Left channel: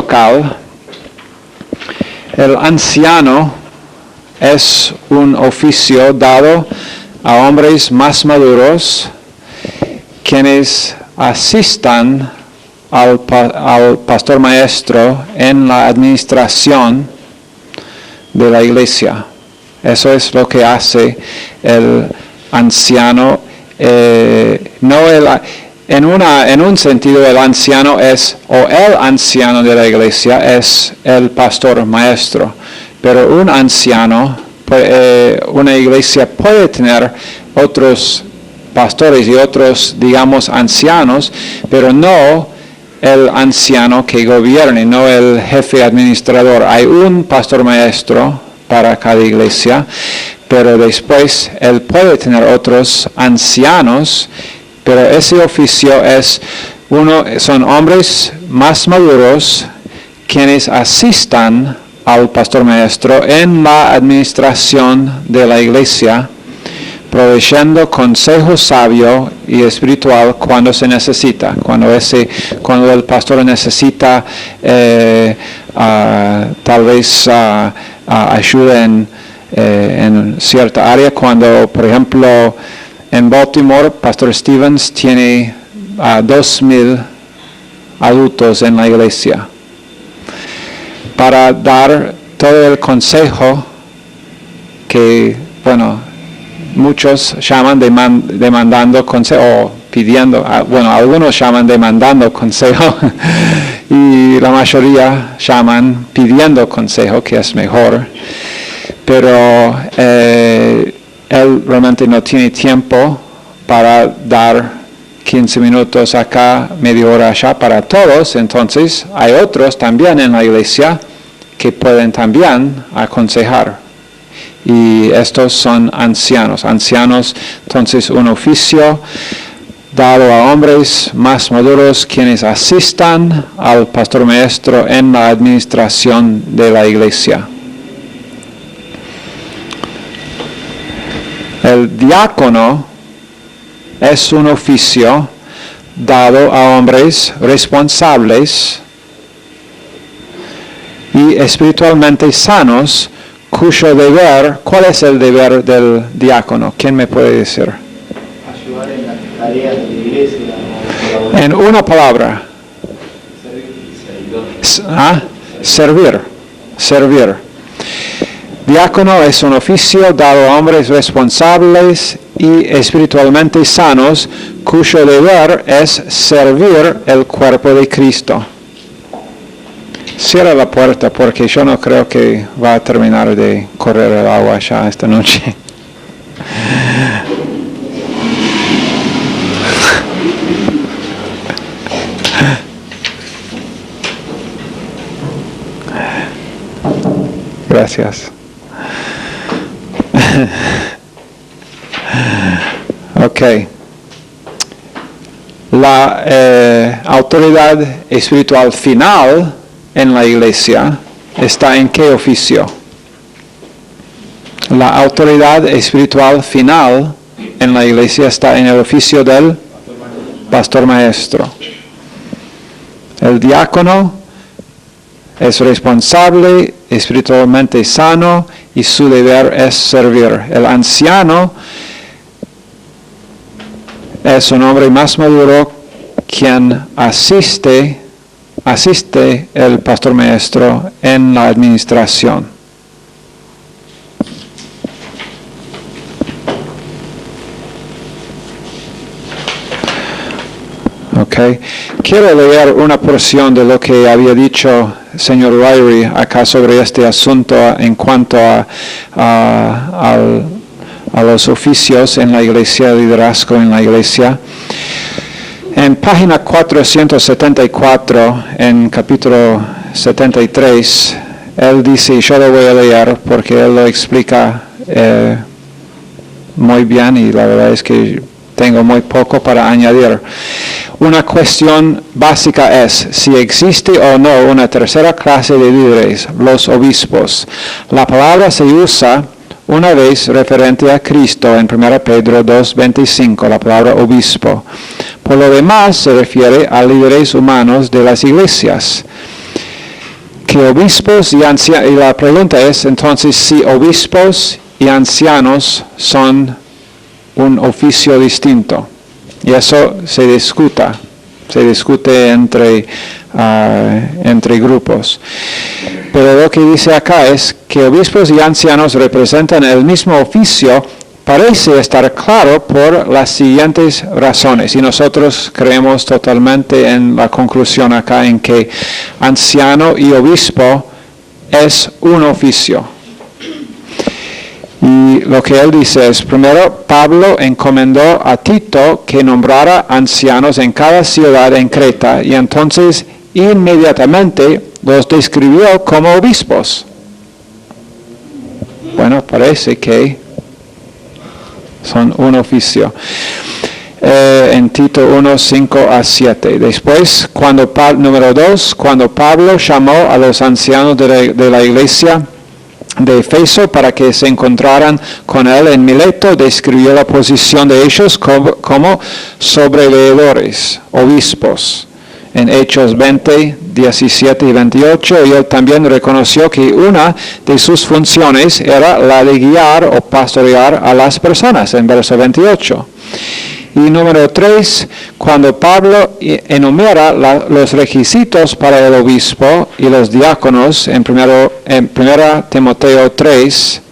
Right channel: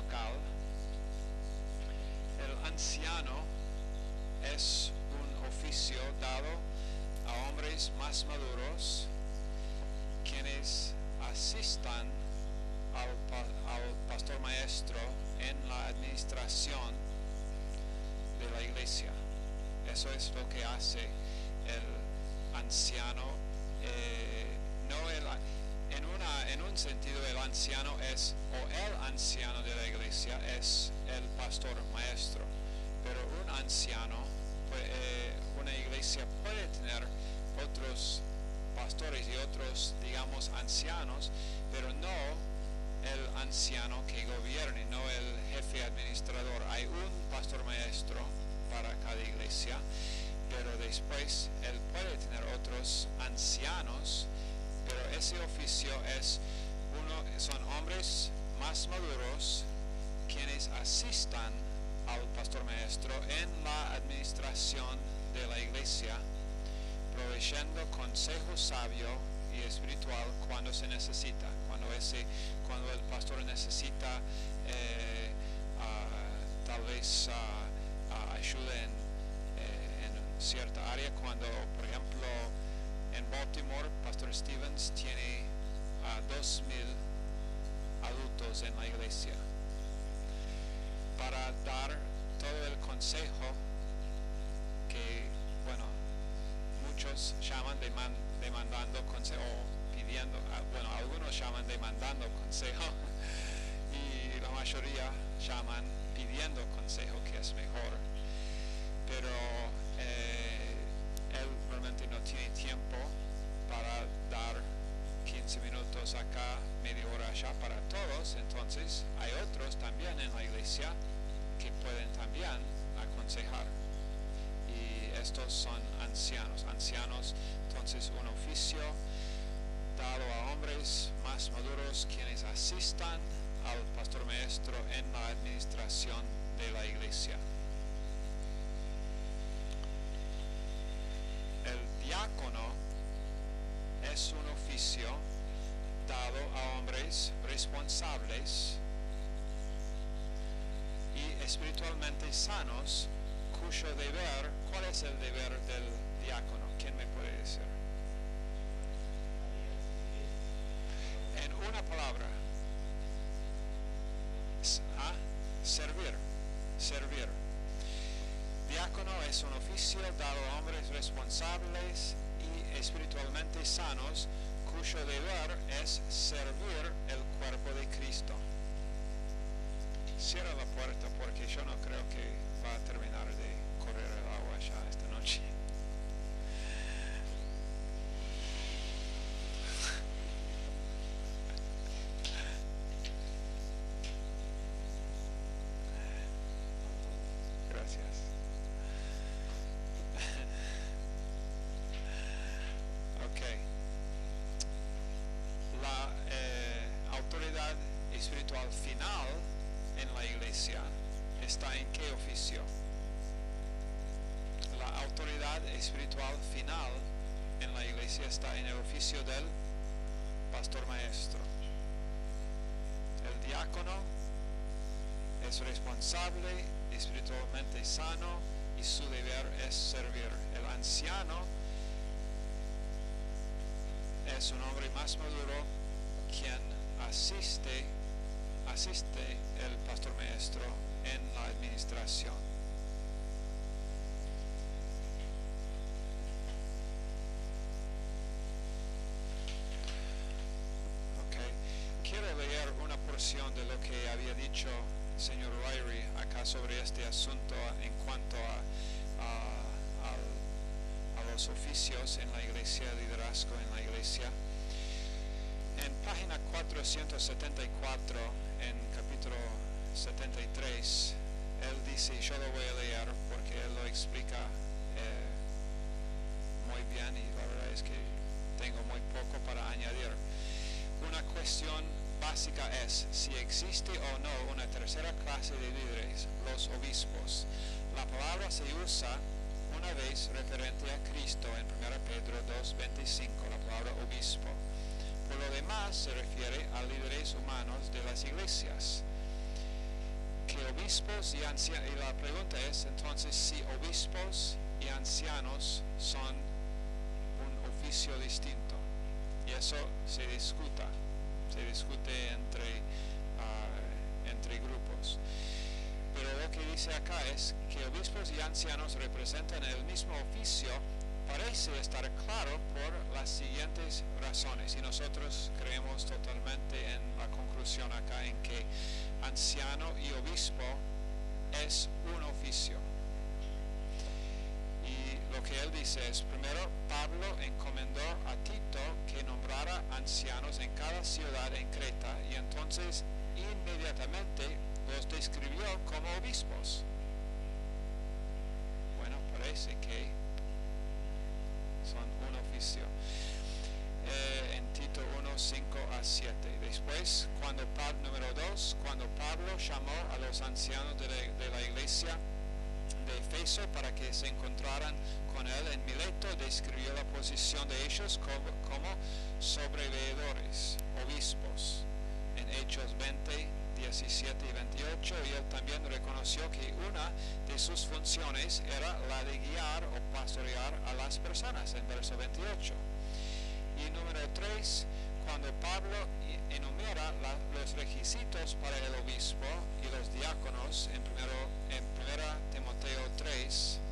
local, el anciano es un oficio dado a hombres más maduros quienes asistan al pastor maestro en la administración de la iglesia. Eso es lo que hace el anciano. En un sentido, el anciano es, o el anciano de la iglesia es el pastor maestro. Pero un anciano, una iglesia puede tener otros pastores y otros, digamos, ancianos, pero no el anciano que gobierne, no el jefe administrador. Hay un pastor maestro para cada iglesia, pero después él puede tener otros ancianos, pero ese oficio son hombres más maduros quienes asistan al pastor maestro en la administración de la iglesia, proveyendo consejo sabio y espiritual cuando se necesita, cuando el pastor necesita tal vez ayuda en cierta área. Cuando, por ejemplo, en Baltimore, Pastor Stevens tiene 2,000 adultos en la iglesia para dar todo el consejo que, muchos llaman demandando consejo, o pidiendo, algunos llaman demandando consejo y la mayoría llaman pidiendo consejo, que es mejor. Pero él realmente no tiene tiempo para dar 15 minutos acá, media hora allá para todos. Entonces hay otros también en la iglesia que pueden también aconsejar. Y estos son ancianos. Entonces un oficio dado a hombres más maduros quienes asistan al pastor maestro en la administración de la iglesia. El diácono es un oficio dado a hombres responsables y espiritualmente sanos, cuyo deber, ¿cuál es el deber del diácono? ¿Quién me puede decir? Ayudar en las tareas de la iglesia. En una palabra. Servir. Diácono es un oficio dado a hombres responsables y espiritualmente sanos, cuyo deber es servir el cuerpo de Cristo. Cierra la puerta porque yo no creo que va a terminar de correr el agua ya esta noche. Gracias. Ok. La autoridad espiritual final en la iglesia está en qué oficio? La autoridad espiritual final en la iglesia está en el oficio del pastor maestro. El diácono es responsable, espiritualmente sano y su deber es servir. El anciano es un hombre más maduro quien asiste el pastor maestro en la administración. Okay. Quiero leer una porción de lo que había dicho el señor Ryrie acá sobre este asunto en cuanto a los oficios en la iglesia, liderazgo en la iglesia. En página 474, en capítulo 73, él dice, y yo lo voy a leer porque él lo explica muy bien y la verdad es que tengo muy poco para añadir. Una cuestión básica es si existe o no una tercera clase de líderes, los obispos. La palabra se usa una vez referente a Cristo en 1 Pedro 2:25, la palabra obispo. Por lo demás se refiere a líderes humanos de las iglesias. que obispos y ancianos, y la pregunta es entonces si obispos y ancianos son un oficio distinto. Y eso se discute entre grupos. Pero lo que dice acá es que obispos y ancianos representan el mismo oficio. Parece estar claro por las siguientes razones, y nosotros creemos totalmente en la conclusión acá en que anciano y obispo es un oficio. Y lo que él dice es, primero, Pablo encomendó a Tito que nombrara ancianos en cada ciudad en Creta, y entonces inmediatamente los describió como obispos. Bueno, parece que son un oficio. En Tito 1, 5 a 7. Después, número 2, cuando Pablo llamó a los ancianos de la iglesia de Efeso para que se encontraran con él en Mileto, describió la posición de ellos como sobreleedores, obispos. En Hechos 20, 17 y 28, y él también reconoció que una de sus funciones era la de guiar o pastorear a las personas, en verso 28. Y número 3, cuando Pablo enumera los requisitos para el obispo y los diáconos, en 1 Timoteo 3,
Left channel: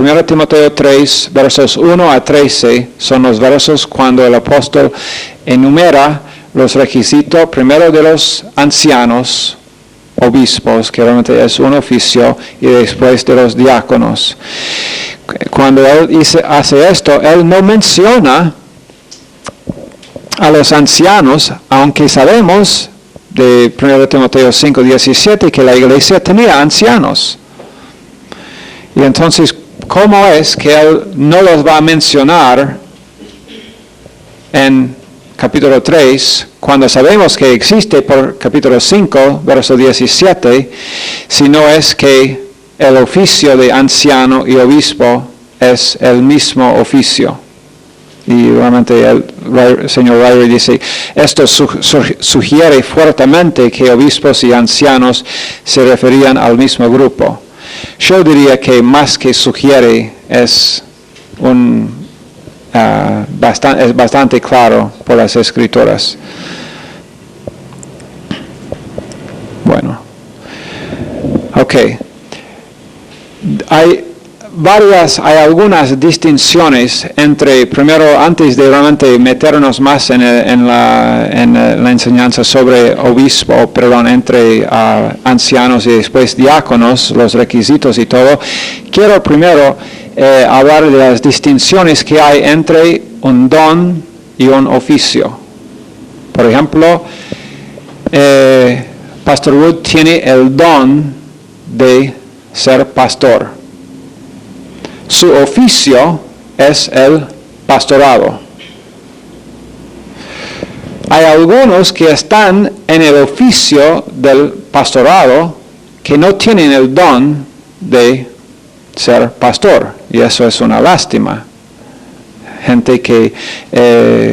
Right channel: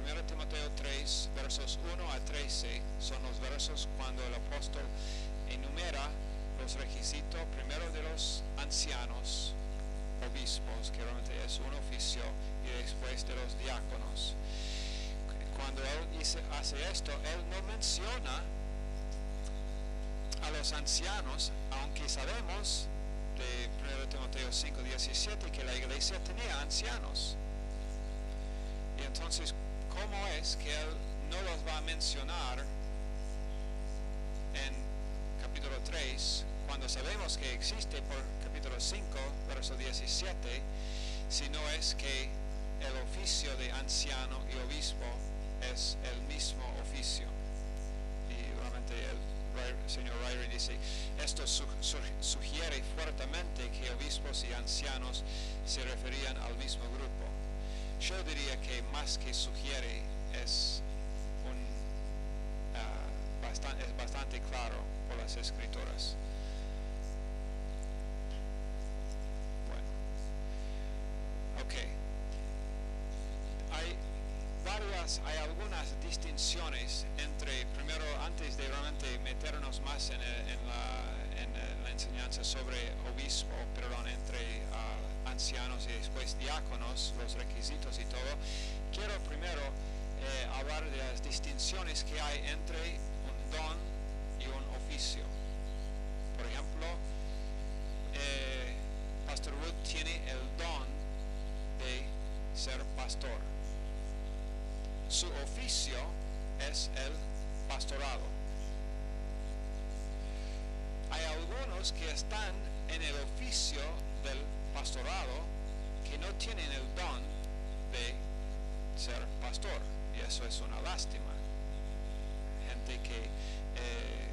1 Timoteo 3, versos 1 a 13, son los versos cuando el apóstol enumera los requisitos primero de los ancianos, obispos, que realmente es un oficio, y después de los diáconos. Cuando él hace esto, él no menciona a los ancianos, aunque sabemos de 1 Timoteo 5, 17 que la iglesia tenía ancianos. Y entonces, ¿cómo es que él no los va a mencionar en capítulo 3, cuando sabemos que existe por capítulo 5, verso 17, si no es que el oficio de anciano y obispo es el mismo oficio? Y realmente el señor Ryrie dice, esto sugiere fuertemente que obispos y ancianos se referían al mismo grupo. Yo diría que más que sugiere es bastante claro por las escrituras. Bueno, ok. Hay algunas distinciones primero, antes de realmente meternos más en la enseñanza sobre entre ancianos y después diáconos, los requisitos y todo. Quiero primero hablar de las distinciones que hay entre un don y un oficio. Por ejemplo, Pastor Wood tiene el don de ser pastor. Su oficio es el pastorado. Hay algunos que están en el oficio del pastorado que no tienen el don de ser pastor, y eso es una lástima. Gente que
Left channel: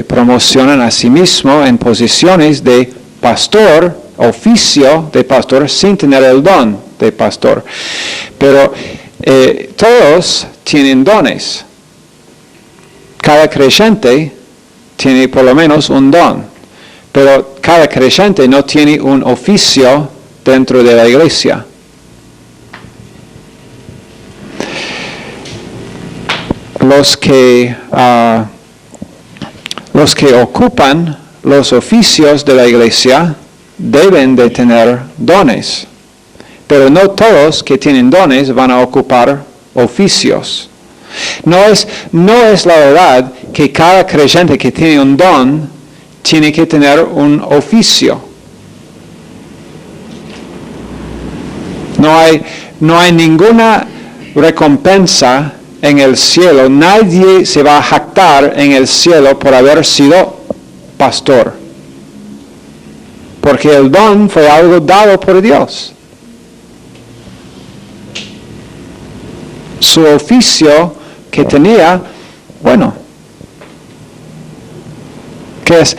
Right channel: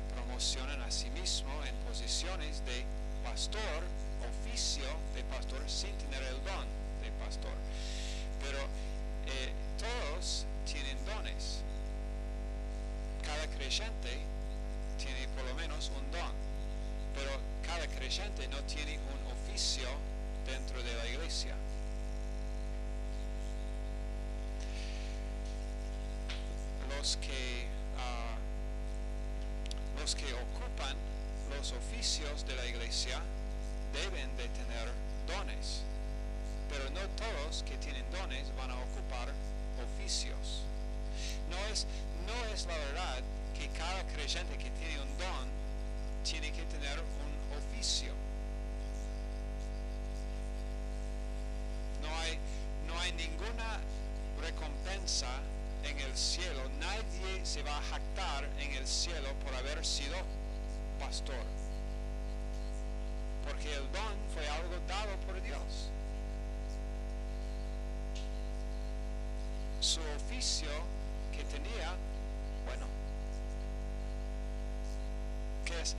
promocionan a sí mismo en posiciones de pastor, oficio de pastor, sin tener el don de pastor. Pero todos tienen dones. Cada creyente tiene por lo menos un don, pero cada creyente no tiene un oficio dentro de la iglesia. Los que ocupan los oficios de la iglesia deben de tener dones, pero no todos que tienen dones van a ocupar oficios. No es la verdad que cada creyente que tiene un don tiene que tener un oficio. No hay ninguna recompensa en el cielo. Nadie se va a jactar en el cielo por haber sido pastor, porque el don fue algo dado por Dios. Su oficio que tenía, bueno, que es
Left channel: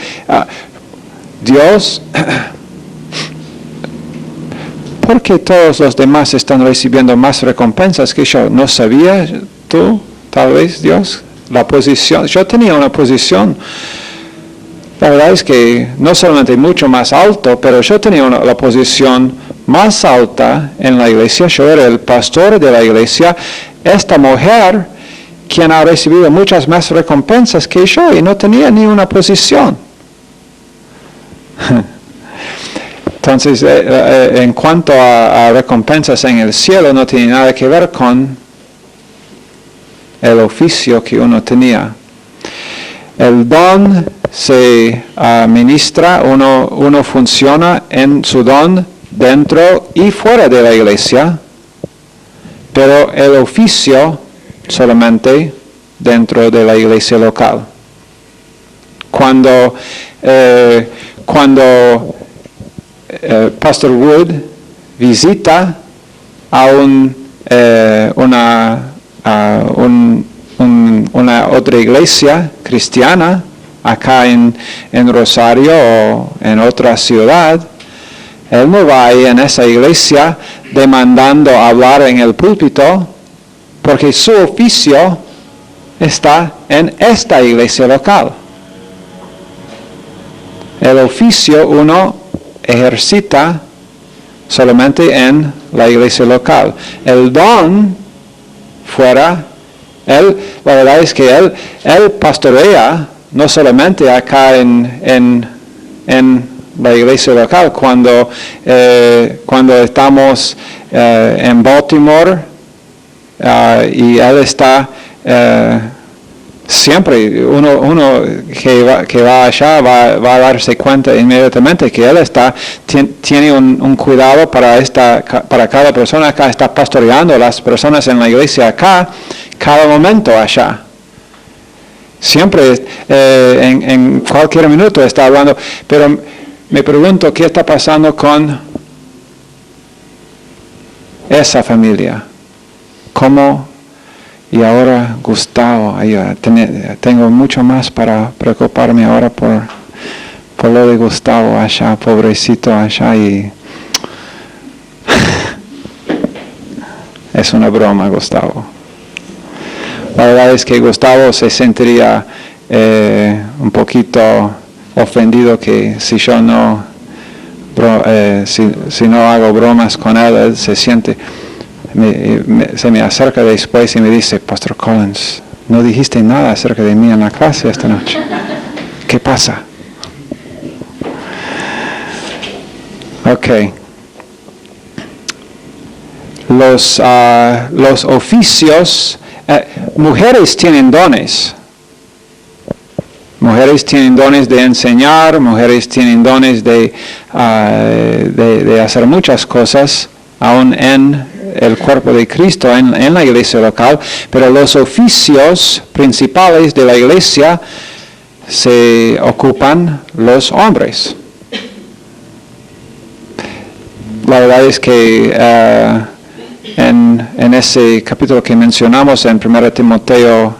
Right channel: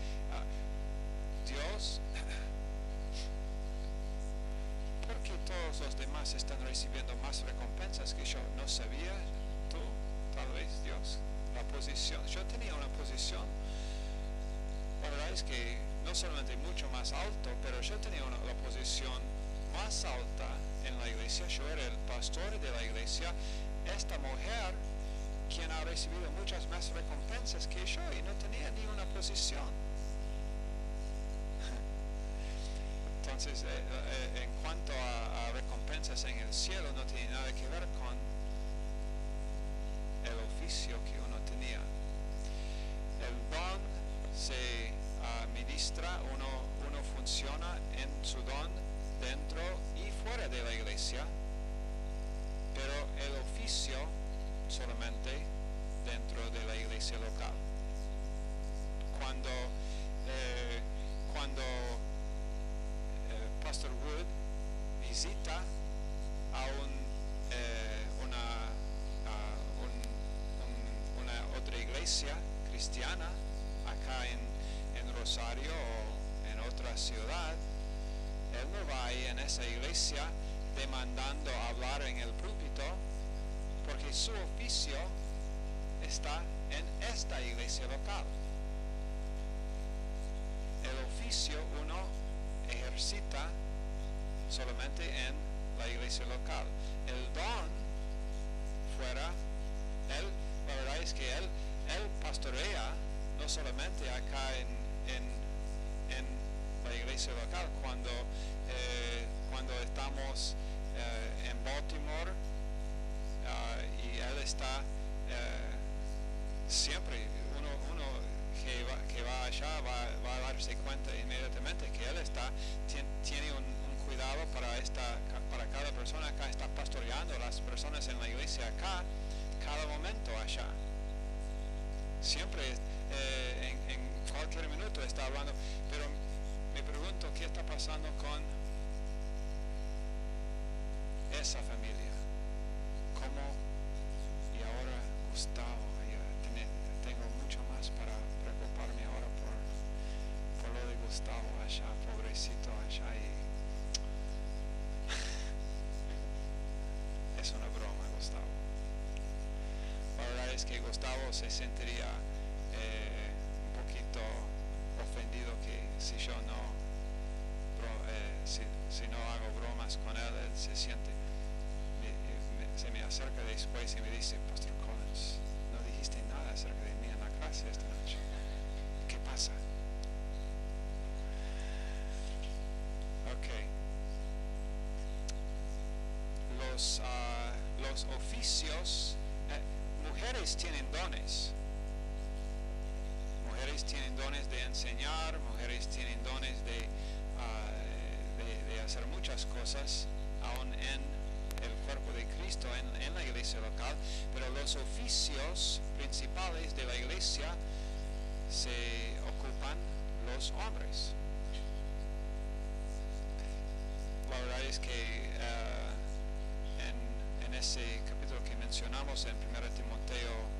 Dios ¿por qué todos los demás están recibiendo más recompensas que yo? ¿No sabía tú, tal vez, Dios, la posición? Yo tenía una posición, la verdad es que no solamente mucho más alto, pero yo tenía la posición más alta en la iglesia. Yo era el pastor de la iglesia. Esta mujer, quien ha recibido muchas más recompensas que yo, y no tenía ni una posición. Entonces, en cuanto a recompensas en el cielo, no tiene nada que ver con el oficio que uno tenía. El don se ministra, uno funciona en su don dentro y fuera de la iglesia, pero el oficio solamente dentro de la iglesia local. Cuando Pastor Wood visita a una otra iglesia cristiana acá en Rosario o en otra ciudad, él no va ahí en esa iglesia demandando hablar en el púlpito, porque su oficio está en esta iglesia local. El oficio uno ejercita solamente en la iglesia local. El don fuera, la verdad es que él pastorea no solamente acá en la iglesia local. Cuando estamos en Baltimore y él está siempre, uno que va allá va a darse cuenta inmediatamente que él tiene un cuidado para cada persona acá, está pastoreando a las personas en la iglesia acá, cada momento allá. Siempre, en cualquier minuto está hablando, pero me pregunto qué está pasando con esa familia. ¿Cómo? Y ahora Gustavo, tengo mucho más para preocuparme ahora por lo de Gustavo allá, pobrecito allá, y es una broma, Gustavo. La verdad es que Gustavo se sentiría un poquito ofendido que si yo no hago bromas con él se siente. Se me acerca después y me dice: Pastor Collins, no dijiste nada acerca de mí en la clase esta noche. ¿Qué pasa? Ok. Los oficios, mujeres tienen dones. Mujeres tienen dones de enseñar, mujeres tienen dones de hacer muchas cosas, aún en el cuerpo de Cristo, en la iglesia local, pero los oficios principales de la iglesia se ocupan los hombres. La verdad es que en ese capítulo que mencionamos en 1 Timoteo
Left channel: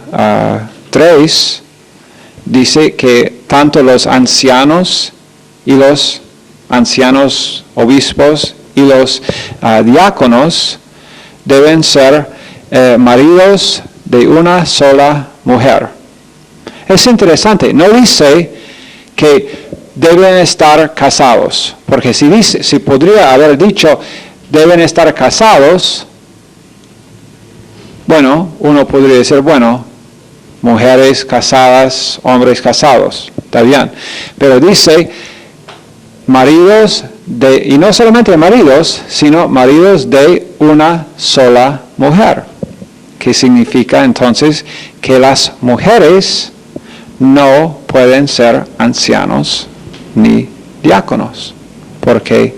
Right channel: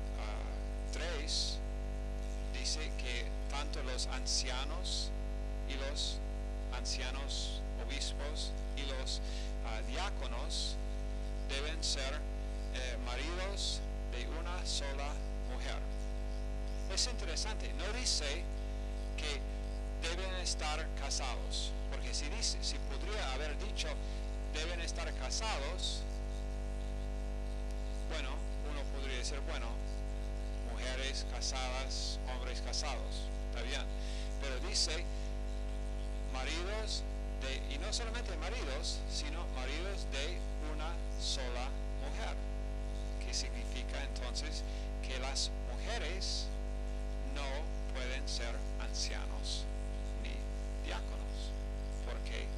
3, dice que tanto los ancianos y los ancianos obispos y los diáconos deben ser maridos de una sola mujer. Es interesante, no dice que deben estar casados, porque si podría haber dicho deben estar casados, bueno, uno podría decir, bueno, mujeres casadas, hombres casados, está bien, pero dice maridos y no solamente maridos, sino maridos de una sola mujer, que significa entonces que las mujeres no pueden ser ancianos ni diáconos, porque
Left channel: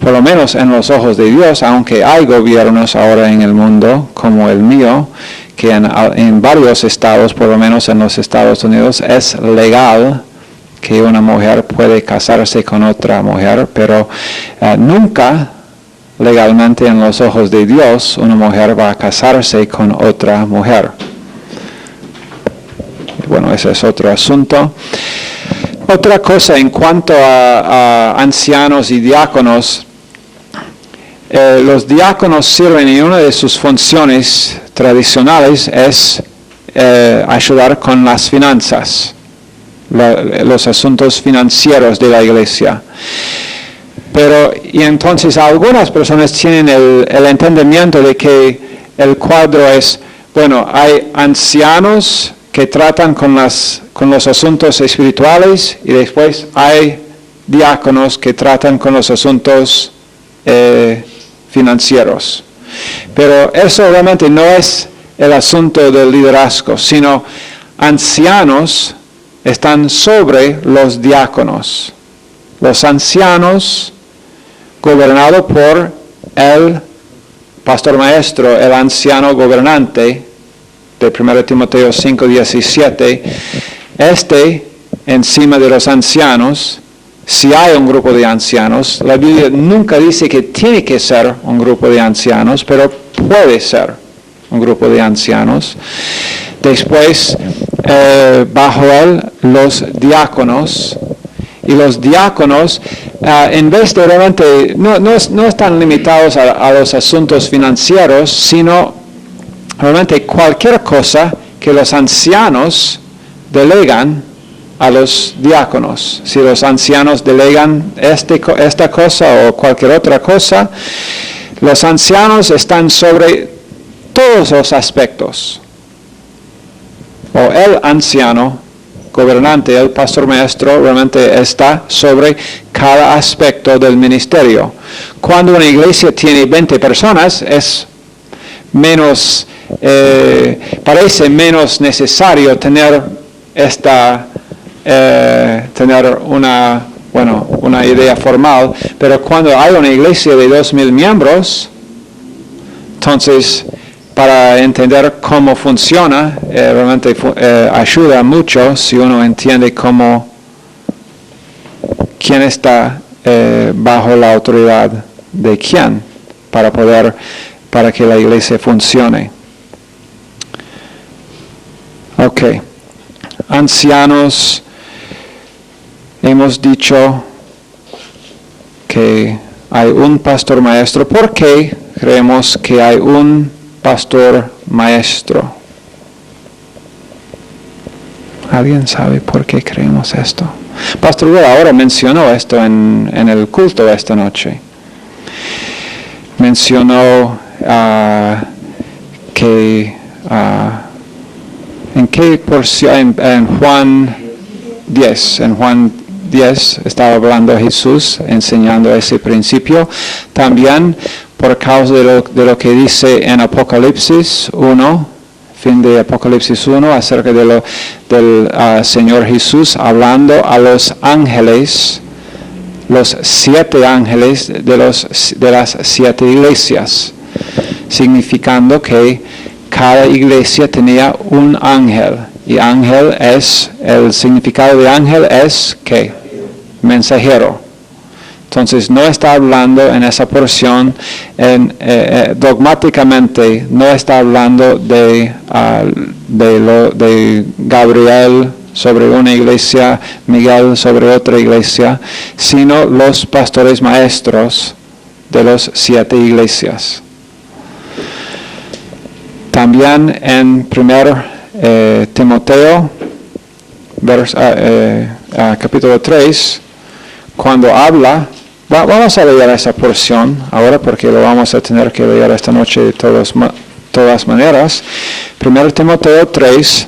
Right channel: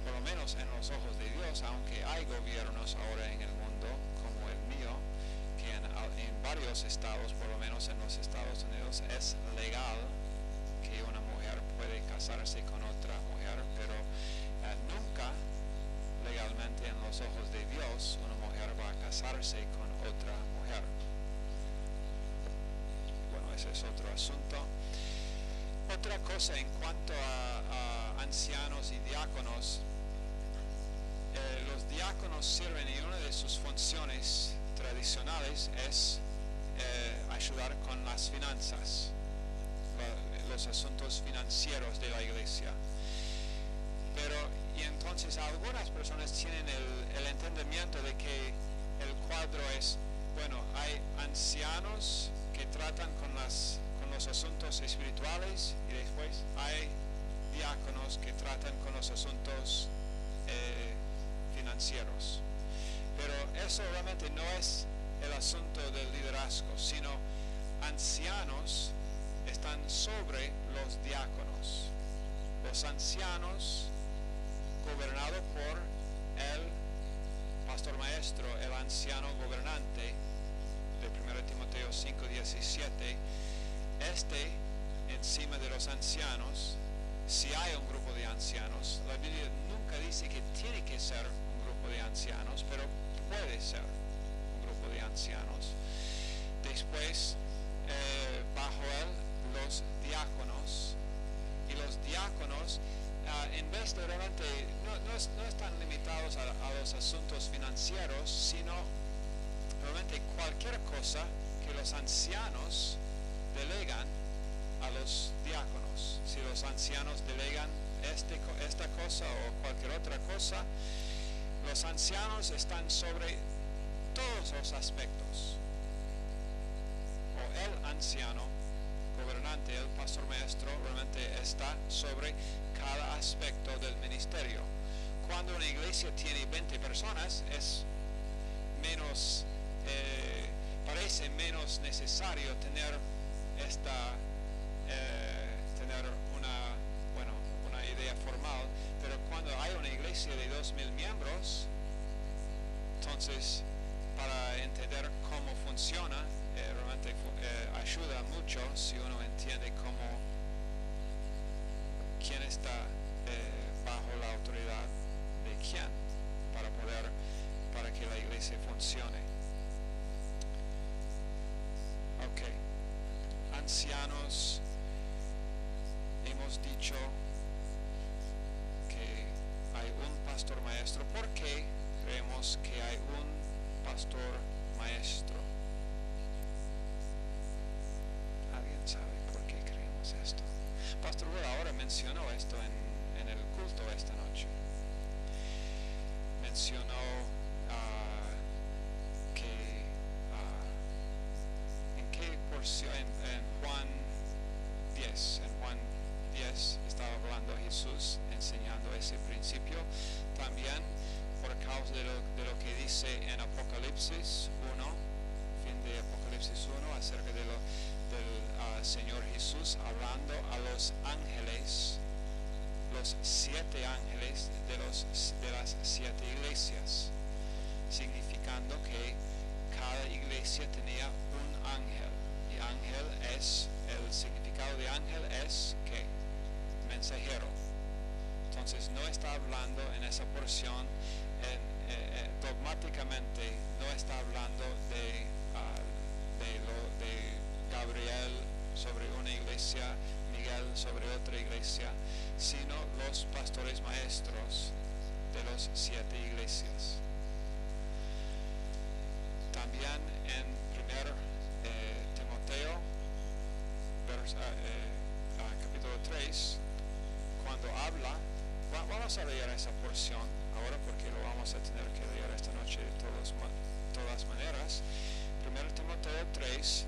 por lo menos en los ojos de Dios, aunque hay gobiernos ahora en el mundo como el mío, que en varios estados, por lo menos en los Estados Unidos, es legal que una mujer puede casarse con otra mujer, pero nunca legalmente en los ojos de Dios una mujer va a casarse con otra mujer. Bueno, ese es otro asunto. Otra cosa en cuanto a ancianos y diáconos, Los diáconos sirven y una de sus funciones tradicionales es ayudar con las finanzas, los asuntos financieros de la iglesia. Y entonces algunas personas tienen el entendimiento de que el cuadro es, bueno, hay ancianos que tratan con los asuntos espirituales y después hay diáconos que tratan con los asuntos financieros. Pero eso realmente no es el asunto del liderazgo, sino ancianos están sobre los diáconos. Los ancianos, gobernados por el pastor maestro, el anciano gobernante, de 1 Timoteo 5:17, encima de los ancianos, si hay un grupo de ancianos, la Biblia nunca dice que tiene que ser un grupo de ancianos, pero puede ser un grupo de ancianos. Después, bajo él, los diáconos. Y los diáconos, en vez de realmente, no están limitados a los asuntos financieros, sino realmente cualquier cosa que los ancianos delegan a los diáconos. Si los ancianos delegan esta cosa o cualquier otra cosa, los ancianos están sobre todos los aspectos. O el anciano gobernante, el pastor maestro, realmente está sobre cada aspecto del ministerio. Cuando una iglesia tiene 20 personas, es menos, parece menos necesario tener una idea formal, pero cuando hay una iglesia de 2,000 miembros, entonces para entender cómo funciona, realmente ayuda mucho si uno entiende quién está bajo la autoridad de quién, para que la iglesia funcione. Ok. Ancianos, hemos dicho que hay un pastor maestro. ¿Por qué creemos que hay un pastor maestro? ¿Alguien sabe por qué creemos esto? Pastor Will ahora mencionó esto en el culto esta noche. Mencionó que en qué porción, en Juan 10 estaba hablando Jesús, enseñando ese principio. También por causa de lo que dice en Apocalipsis 1, fin de Apocalipsis 1, acerca del Señor Jesús hablando a los ángeles, los 7 ángeles de las 7 iglesias, significando que cada iglesia tenía un ángel, y el significado de ángel es ¿qué? Mensajero. Entonces no está hablando en esa porción, dogmáticamente no está hablando de Gabriel sobre una iglesia, Miguel sobre otra iglesia, sino los pastores maestros de las 7 iglesias. También en 1 Timoteo, capítulo 3, cuando habla, vamos a leer esa porción ahora porque lo vamos a tener que leer esta noche de todas maneras. 1 Timoteo 3,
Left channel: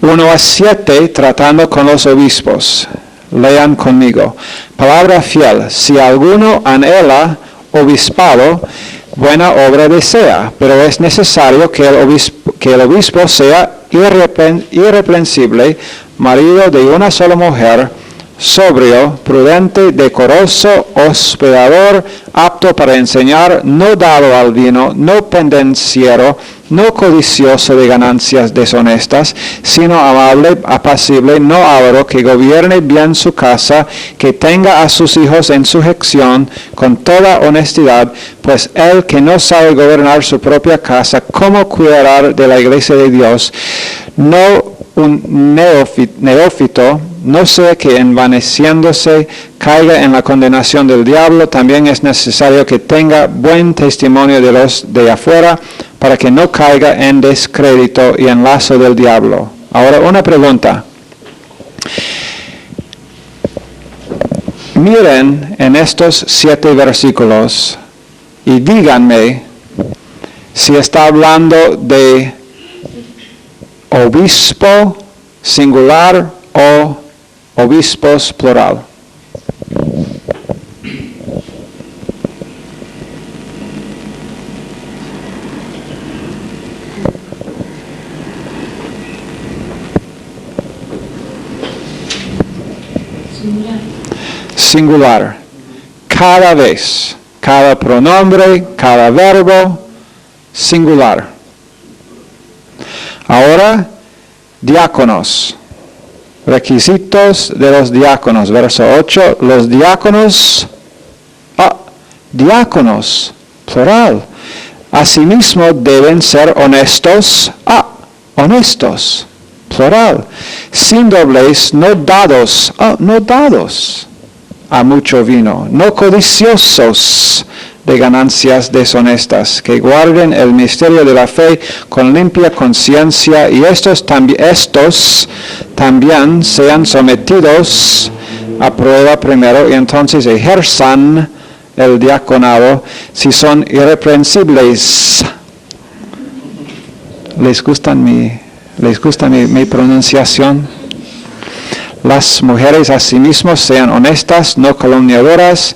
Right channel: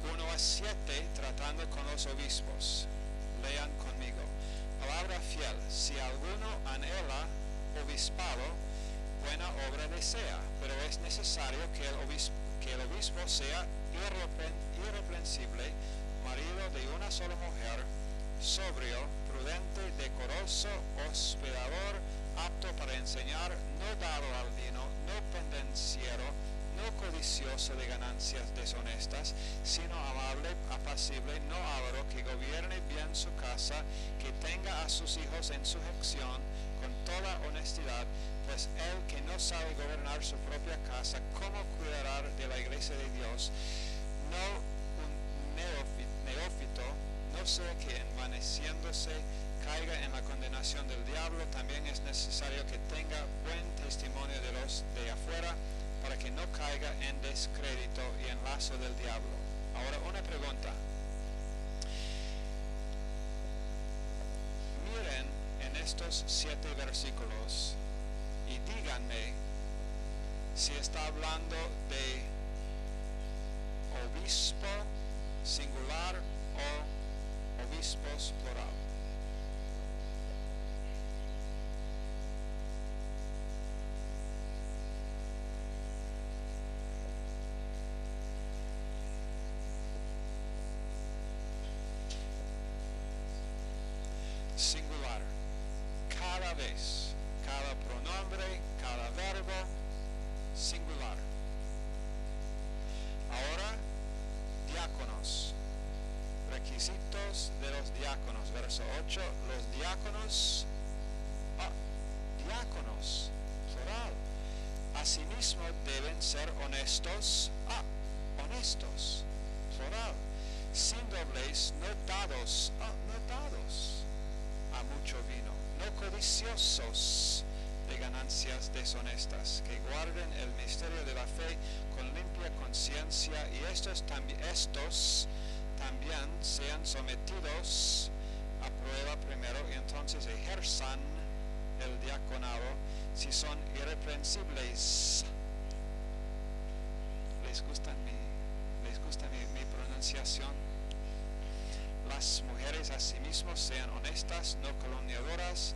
1-7, tratando con los obispos. Lean conmigo. Palabra fiel, si alguno anhela obispado, buena obra desea, pero es necesario que el obispo sea irreprensible, marido de una sola mujer, sobrio, prudente, decoroso, hospedador, apto para enseñar, no dado al vino, no pendenciero, no codicioso de ganancias deshonestas, sino amable, apacible, no avaro, que gobierne bien su casa, que tenga a sus hijos en sujeción con toda honestidad, pues el que no sabe gobernar su propia casa, ¿cómo cuidará de la iglesia de Dios? No un neófito, no sea que envaneciéndose caiga en la condenación del diablo. También es necesario que tenga buen testimonio de los de afuera, para que no caiga en descrédito y en lazo del diablo. Ahora una pregunta. Miren en estos 7 versículos y díganme si está hablando de obispo singular o obispos plural. Singular. Cada vez, cada pronombre, cada verbo, singular. Ahora, diáconos. Requisitos de los diáconos. Verso 8. Los diáconos, diáconos, plural. Asimismo deben ser honestos, honestos, plural. Sin doblez, no dados, no dados a mucho vino, no codiciosos de ganancias deshonestas, que guarden el misterio de la fe con limpia conciencia, y estos también sean sometidos a prueba primero, y entonces ejerzan el diaconado si son irreprensibles. ¿Les gusta mi pronunciación? Las mujeres asimismo sean honestas, no calumniadoras,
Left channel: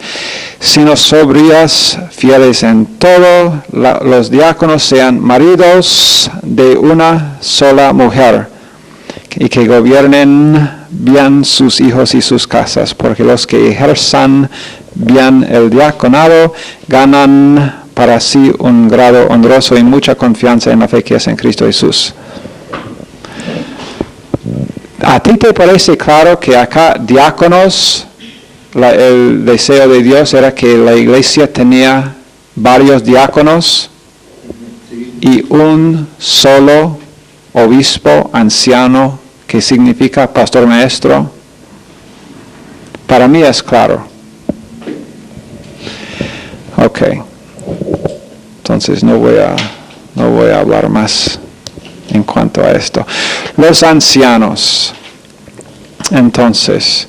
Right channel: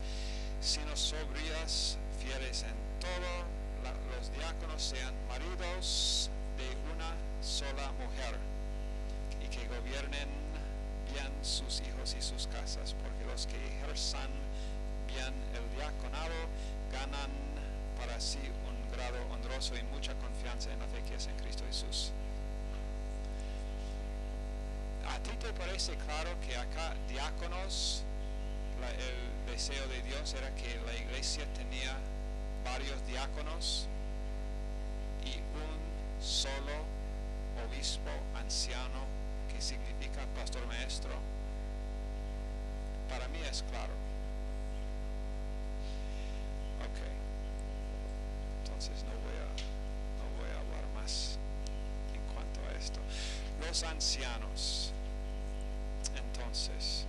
sino sobrias, fieles en todo. Los diáconos sean maridos de una sola mujer, y que gobiernen bien sus hijos y sus casas, porque los que ejerzan bien el diaconado ganan para sí un grado honroso y mucha confianza en la fe que es en Cristo Jesús. ¿A ti te parece claro que acá diáconos, el deseo de Dios era que la iglesia tenía varios diáconos y un solo obispo anciano, que significa pastor maestro? Para mí es claro. Ok. Entonces no voy a hablar más en cuanto a esto. Los ancianos. Entonces,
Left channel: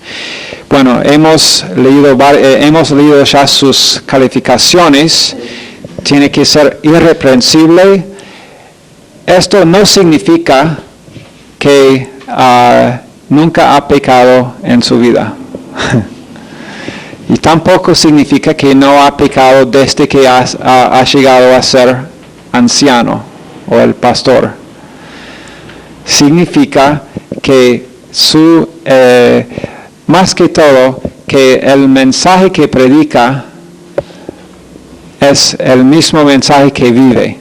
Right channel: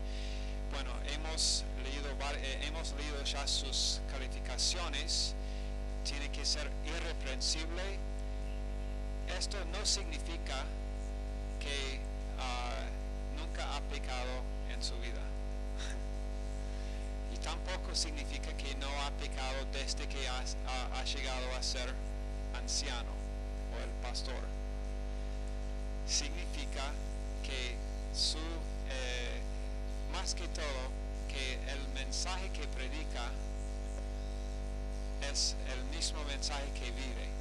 bueno, hemos leído ya sus calificaciones. Tiene que ser irreprensible. Esto no significa que nunca ha pecado en su vida. Y tampoco significa que no ha pecado desde que ha llegado a ser anciano o el pastor. Significa que más que todo, que el mensaje que predica es el mismo mensaje que vive.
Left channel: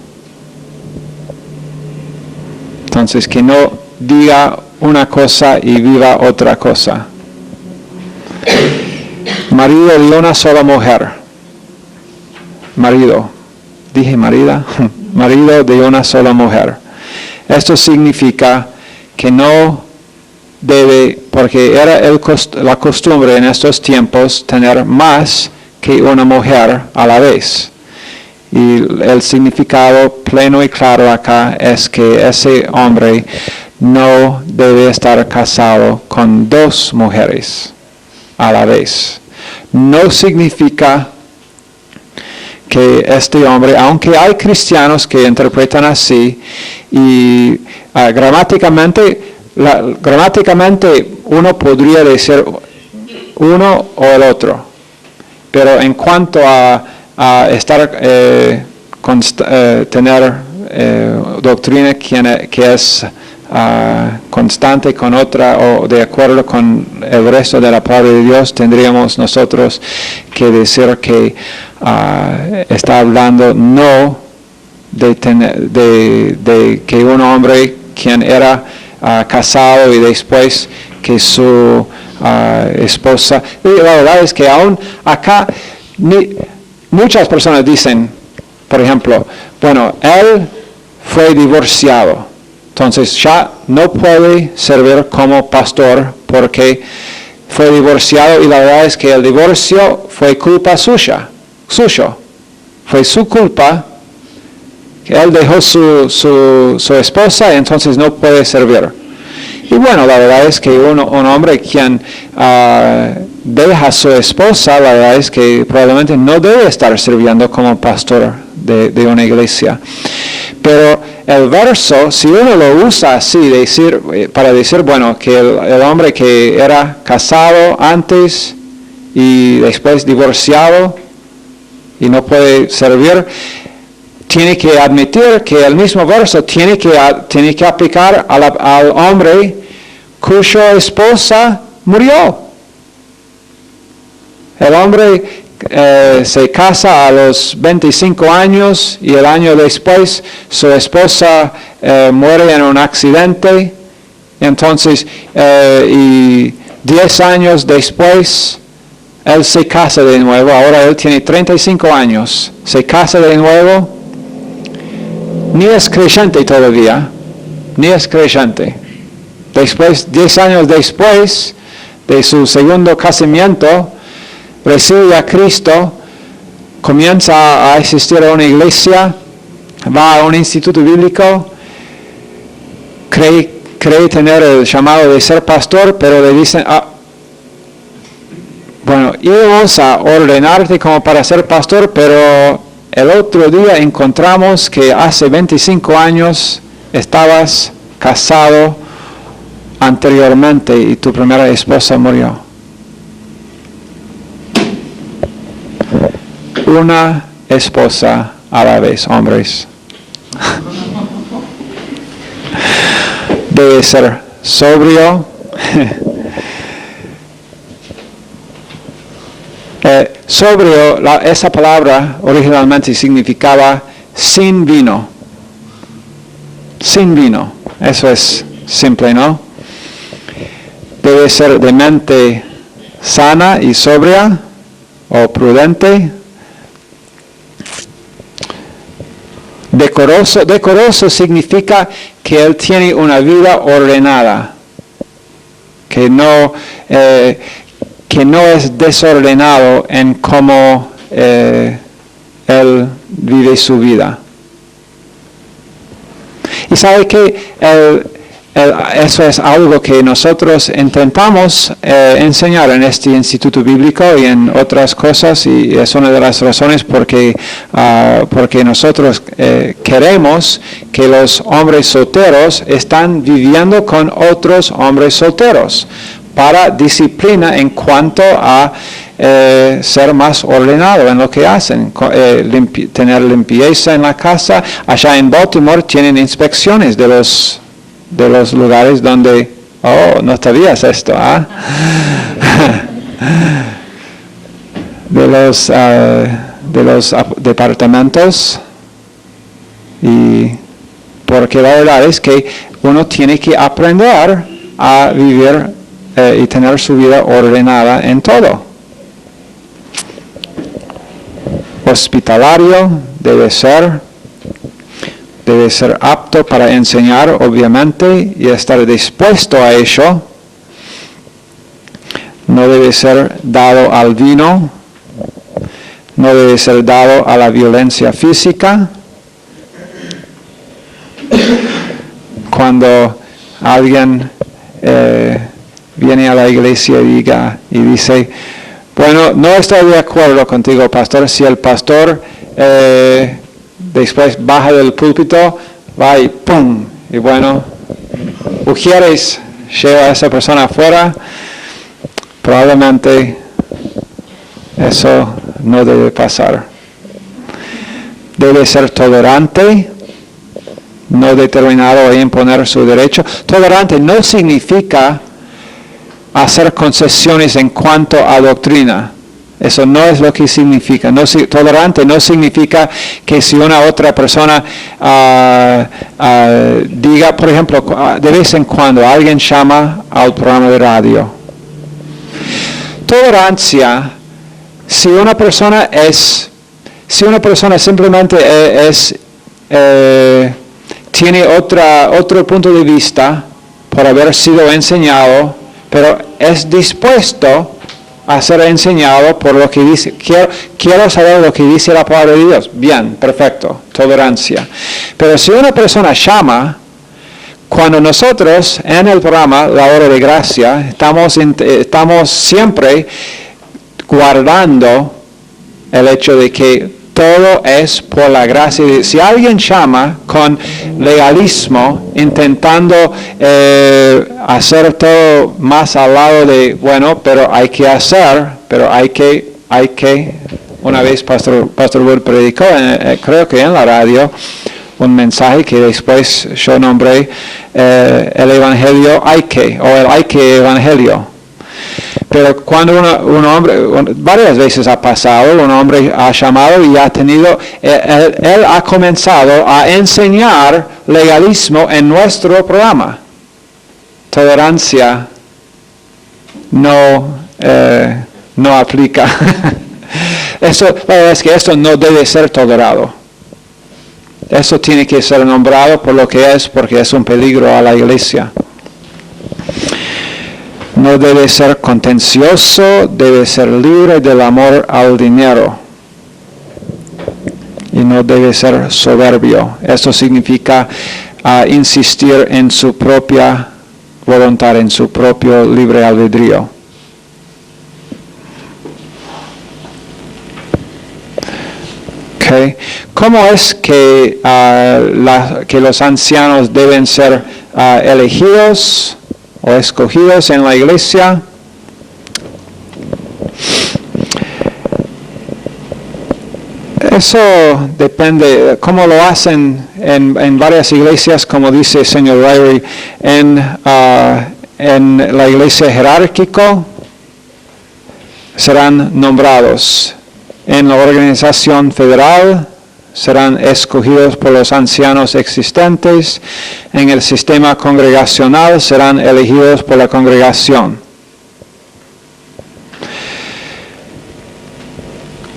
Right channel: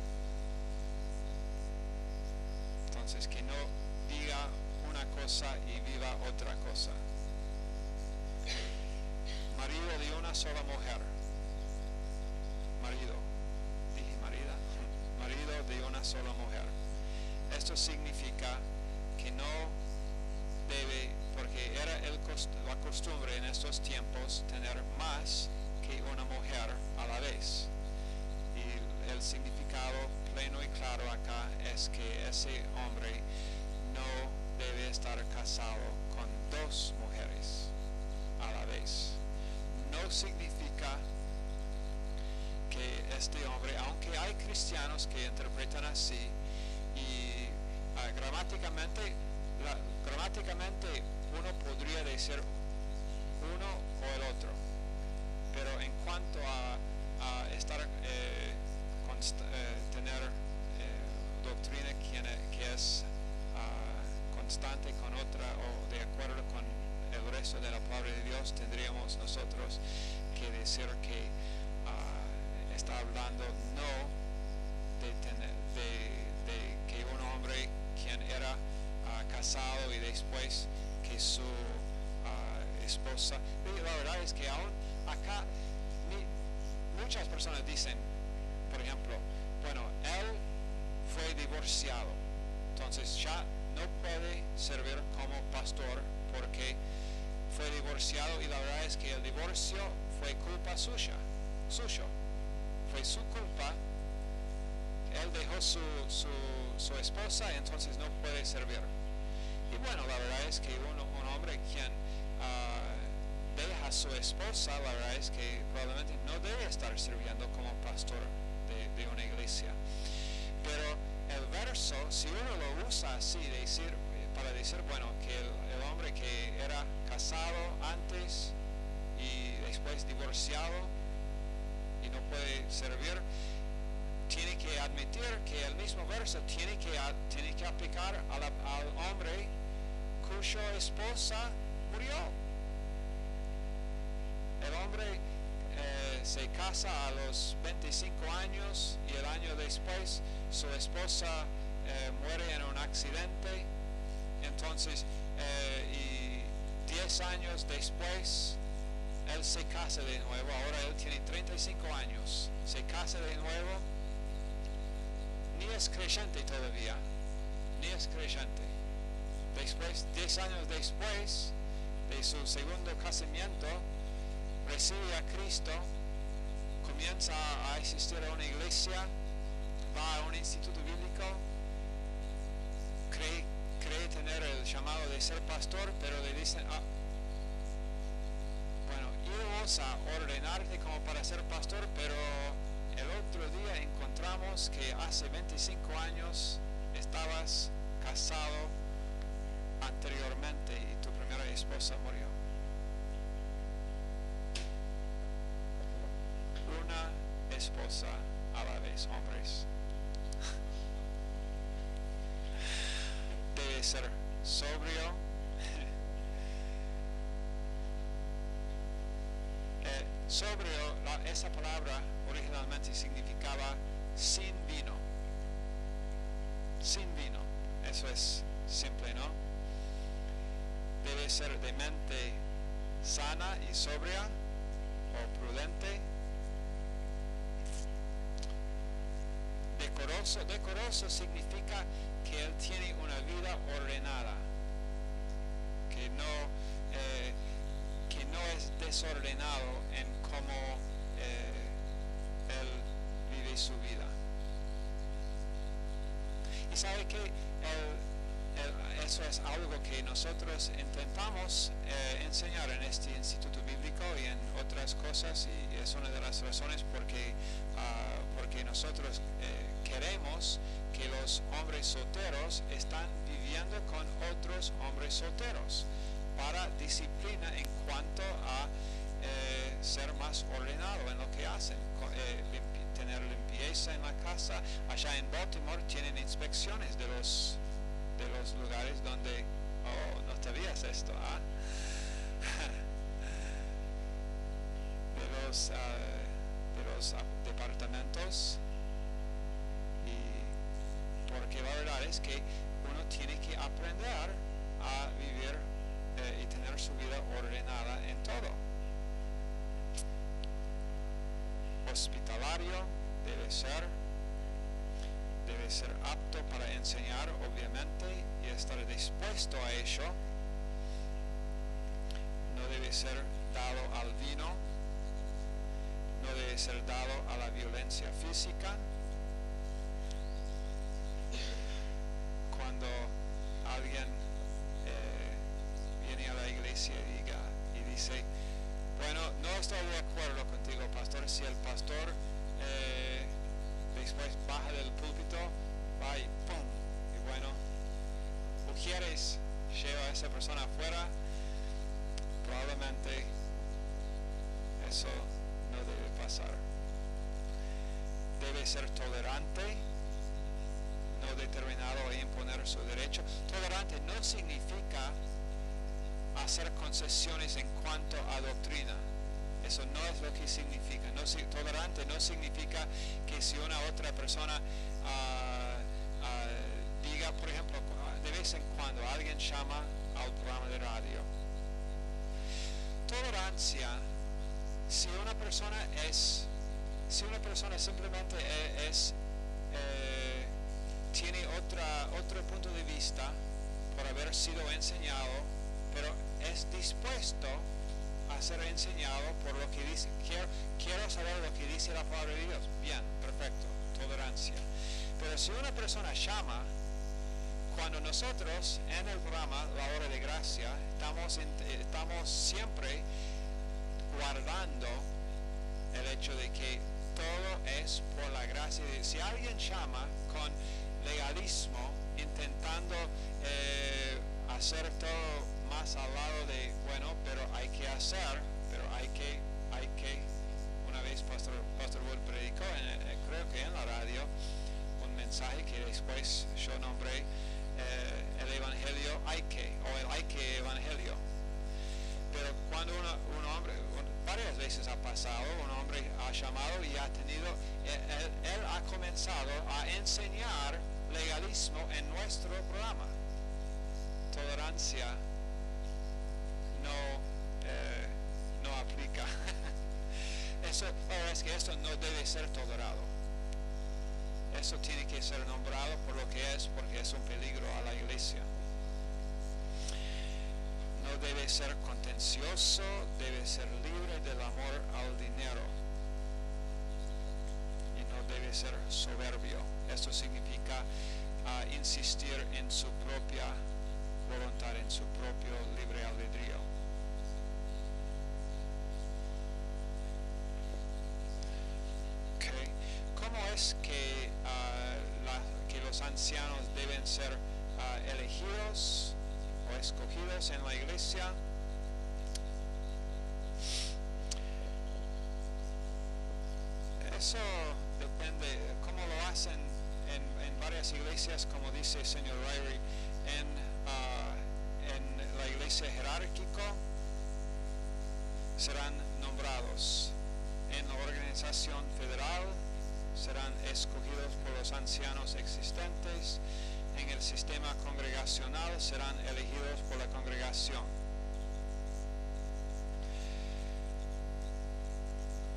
Entonces, que no diga una cosa y viva otra cosa. Marido de una sola mujer. Dije marida. Marido de una sola mujer. Esto significa que no debe, porque era la costumbre en estos tiempos tener más que una mujer a la vez. Y el significado pleno y claro acá es que ese hombre no debe estar casado con 2 mujeres a la vez. No significa que este hombre, aunque hay cristianos que interpretan así, y gramáticamente uno podría decir uno o el otro, pero en cuanto a tener doctrina que es constante con otra o de acuerdo con el resto de la palabra de Dios, tendríamos nosotros que decir que está hablando no de que un hombre quien era casado y después que su esposa. Y la verdad es que aún acá muchas personas dicen, por ejemplo, bueno, él fue divorciado. Entonces ya no puede servir como pastor porque fue divorciado y la verdad es que el divorcio fue culpa suyo. Fue su culpa que él dejó su esposa y entonces no puede servir. Y bueno, la verdad es que un hombre quien deja a su esposa, la verdad es que probablemente no debe estar sirviendo como pastor de una iglesia. Pero el verso, si uno lo usa así, para decir, bueno, que el hombre que era casado antes y después divorciado y no puede servir, tiene que admitir que el mismo verso tiene que aplicar al hombre cuya esposa murió. El hombre se casa a los 25 años y el año después su esposa muere en un accidente. Entonces, y 10 años después, él se casa de nuevo. Ahora él tiene 35 años. Se casa de nuevo. Ni es creyente todavía. Ni es creyente. Después, 10 años después de su segundo casamiento, recibe a Cristo, comienza a asistir a una iglesia, va a un instituto bíblico, cree tener el llamado de ser pastor, pero le dicen, bueno, íbamos a ordenarte como para ser pastor, pero el otro día encontramos que hace 25 años estabas casado anteriormente y tu primera esposa murió. Una esposa a la vez, hombres. Debe ser sobrio. Sobrio, esa palabra originalmente significaba sin vino. Sin vino. Eso es simple, ¿no? Debe ser de mente sana y sobria o prudente. Decoroso significa que él tiene una vida ordenada, que no es desordenado en cómo él vive su vida. Y sabe que eso es algo que nosotros intentamos enseñar en este instituto bíblico y en otras cosas, y es una de las razones porque nosotros queremos que los hombres solteros están viviendo con otros hombres solteros para disciplina en cuanto a ser más ordenado en lo que hacen, tener limpieza en la casa. Allá en Baltimore tienen inspecciones de los lugares donde, no sabías esto, de los departamentos, y porque la verdad es que uno tiene que aprender a vivir y tener su vida ordenada en todo. Hospitalario debe ser apto para enseñar, obviamente, y estar dispuesto a ello. No debe ser dado al vino, no debe ser dado a la violencia física. Cuando alguien viene a la iglesia y dice, bueno, no estoy de acuerdo contigo, pastor, si el pastor después baja del púlpito, va y ¡pum! Y bueno, Ujieres lleva a esa persona afuera, probablemente eso no debe pasar. Debe ser tolerante, no determinado a imponer su derecho. Tolerante no significa hacer concesiones en cuanto a doctrina. Eso no es lo que significa. Tolerante no significa que si una otra persona diga, por ejemplo, de vez en cuando alguien llama al programa de radio. Tolerancia, si una persona simplemente es tiene otro punto de vista por haber sido enseñado, pero es dispuesto a ser enseñado por lo que dice. Quiero saber lo que dice la palabra de Dios. Bien, perfecto, tolerancia. Pero si una persona llama, cuando nosotros en el programa La Hora de Gracia estamos siempre guardando el hecho de que todo es por la gracia de Dios. Si alguien llama con legalismo, intentando hacer todo más al lado de, bueno, pero hay que hacer, pero hay que, una vez Pastor Wood predicó, creo que en la radio, un mensaje que después yo nombré el Evangelio hay que Evangelio. Pero cuando un hombre, varias veces ha pasado, un hombre ha llamado y ha tenido, él ha comenzado a enseñar legalismo en nuestro programa. Tolerancia no aplica. La verdad es que esto no debe ser tolerado. Eso tiene que ser nombrado por lo que es, porque es un peligro a la iglesia. No debe ser contencioso, debe ser libre del amor al dinero. Y no debe ser soberbio. Eso significa insistir en su propia voluntad, en su propio libre albedrío. Okay. ¿Cómo es que los ancianos deben ser elegidos o escogidos en la iglesia? Eso depende, cómo lo hacen en varias iglesias, como dice el señor Ryrie, en la iglesia jerárquica serán nombrados. En la organización federal serán escogidos por los ancianos existentes. En el sistema congregacional serán elegidos por la congregación.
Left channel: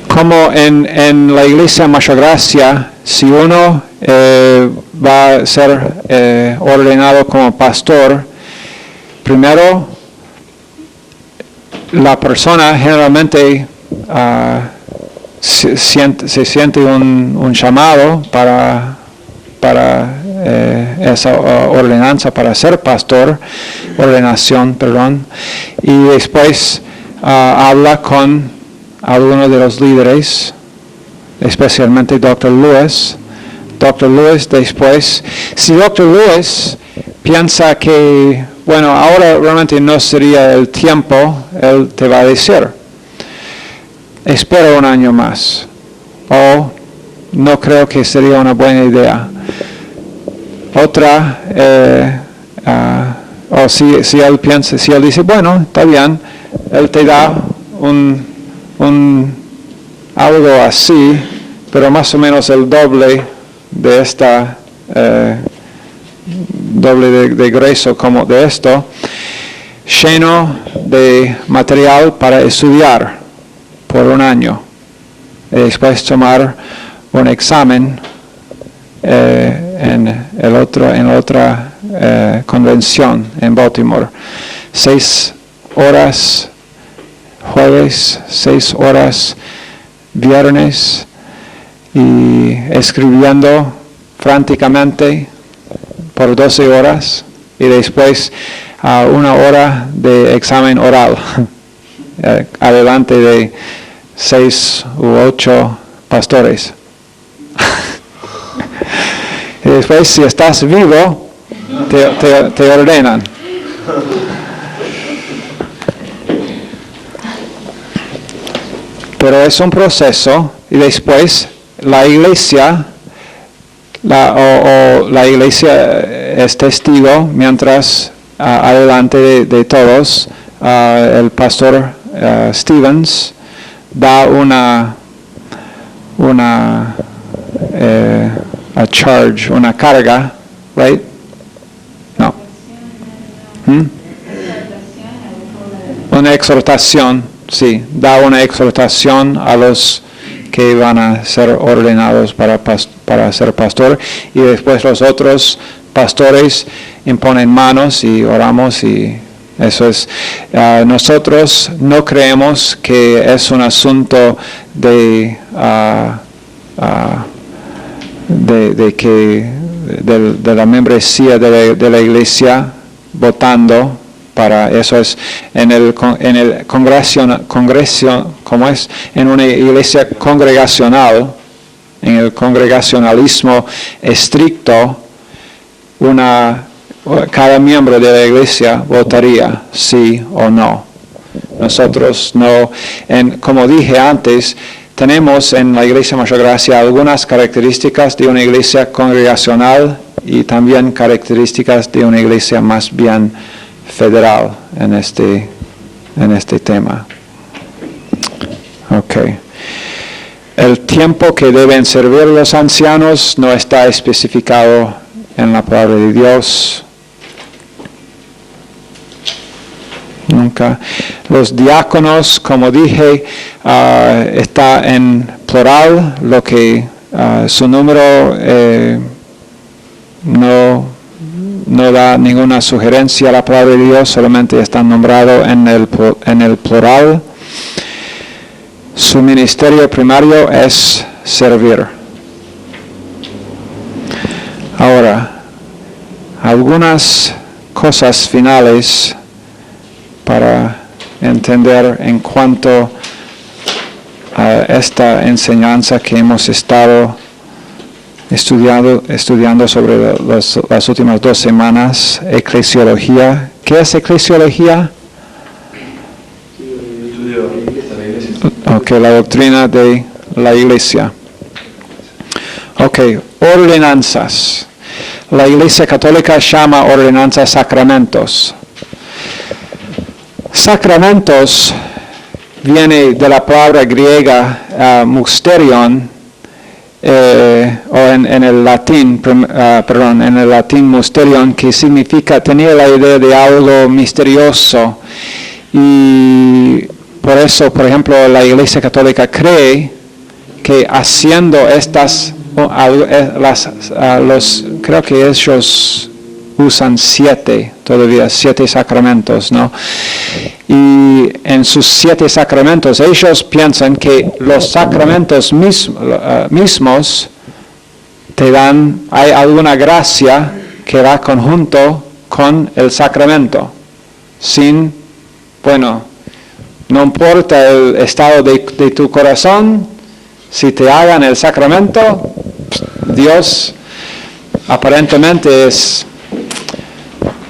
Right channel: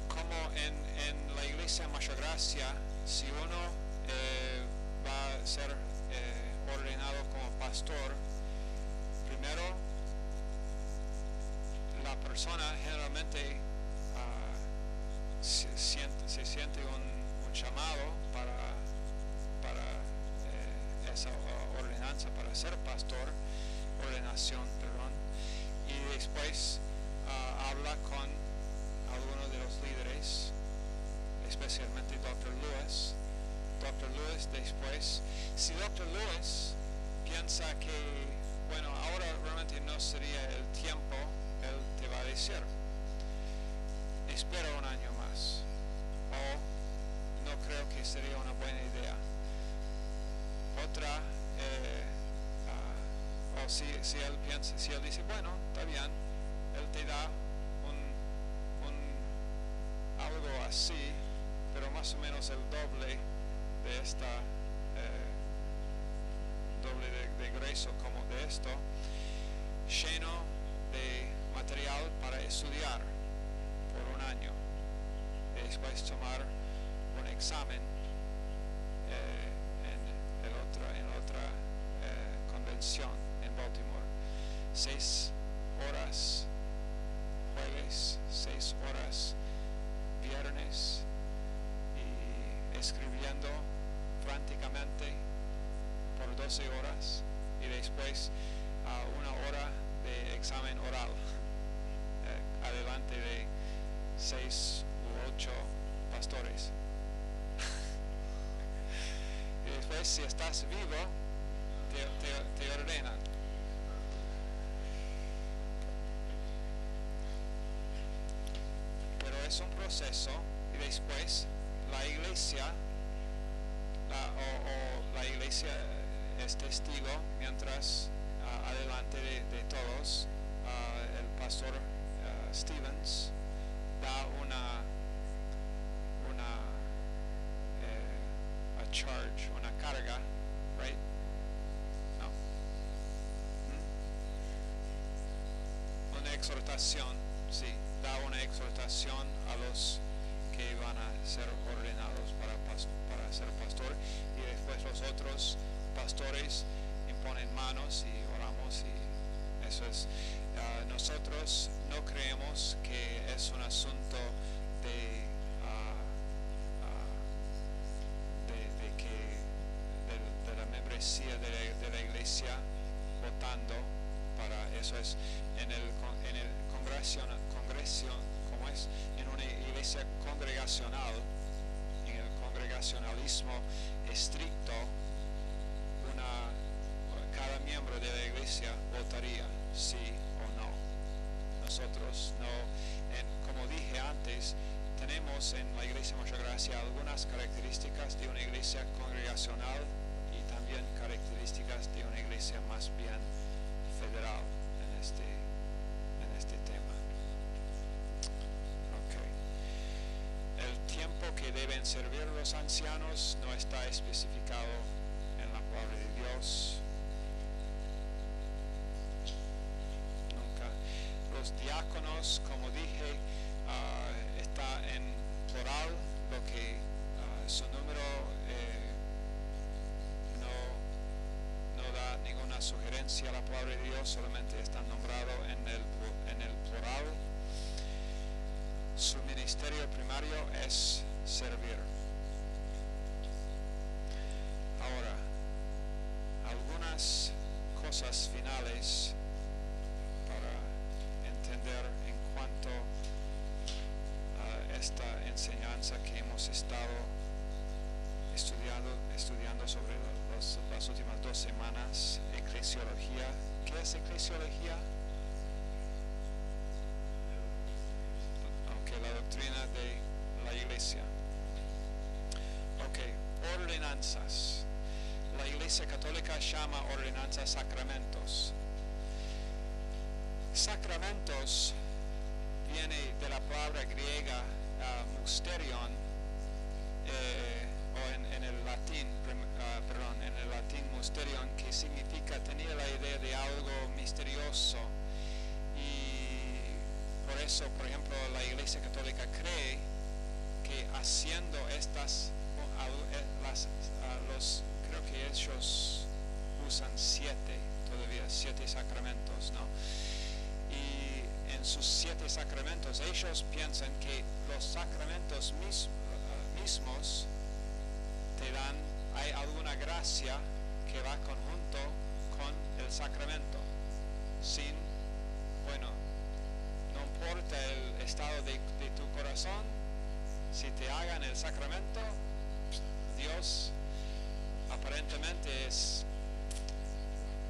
Como en la iglesia Mayor Gracia, si uno va a ser ordenado como pastor, primero la persona generalmente se siente un llamado para esa ordenanza, para ser pastor, ordenación, perdón, y después habla con algunos de los líderes, especialmente Dr. Lewis. Dr. Lewis después, si Dr. Lewis piensa que, bueno, ahora realmente no sería el tiempo, él te va a decir, espera un año más, o no creo que sería una buena idea. Otra, o si él piensa, si él dice, bueno, está bien, él te da algo así, pero más o menos el doble de esta, doble de grueso como de esto, lleno de material para estudiar por un año, y después tomar un examen en la otra convención en Baltimore. 6 horas jueves, 6 horas viernes, y escribiendo franticamente por 12 horas, y después 1 hora de examen oral adelante de 6 u 8 pastores. Y después, si estás vivo, te ordenan. Pero es un proceso, y después la iglesia, la iglesia es testigo mientras adelante de todos, el pastor Stevens da a charge, una carga, right? No. Una exhortación, sí, da una exhortación a los que van a ser ordenados para ser pastor, y después los otros pastores imponen manos y oramos, y eso es. Nosotros no creemos que es un asunto de la membresía de la iglesia votando para eso. Es en el congreso, como es en una iglesia congregacional, en el congregacionalismo estricto, cada miembro de la iglesia votaría sí o no. Nosotros no, como dije antes, tenemos en la Iglesia Mayor Gracia algunas características de una iglesia congregacional y también características de una iglesia más bien federal en este tema. Okay. El tiempo que deben servir los ancianos no está especificado en la palabra de Dios. Nunca. Los diáconos, como dije, está en plural, lo que su número no da ninguna sugerencia a la palabra de Dios, solamente está nombrado en el plural. Su ministerio primario es servir. Ahora, algunas cosas finales para entender en cuanto a esta enseñanza que hemos estado estudiando sobre las últimas 2 semanas, eclesiología. ¿Qué es eclesiología? La doctrina de la iglesia. Ordenanzas. La Iglesia Católica llama ordenanzas sacramentos. Sacramentos viene de la palabra griega mysterion, o en el latín mysterion, que significa, tenía la idea de algo misterioso, y por eso, por ejemplo, la Iglesia Católica cree que haciendo estas, creo que ellos usan 7 sacramentos, ¿no? Y en sus 7 sacramentos ellos piensan que los sacramentos mismos te dan, hay alguna gracia que va conjunto con el sacramento. No importa el estado de tu corazón, si te hagan el sacramento, Dios aparentemente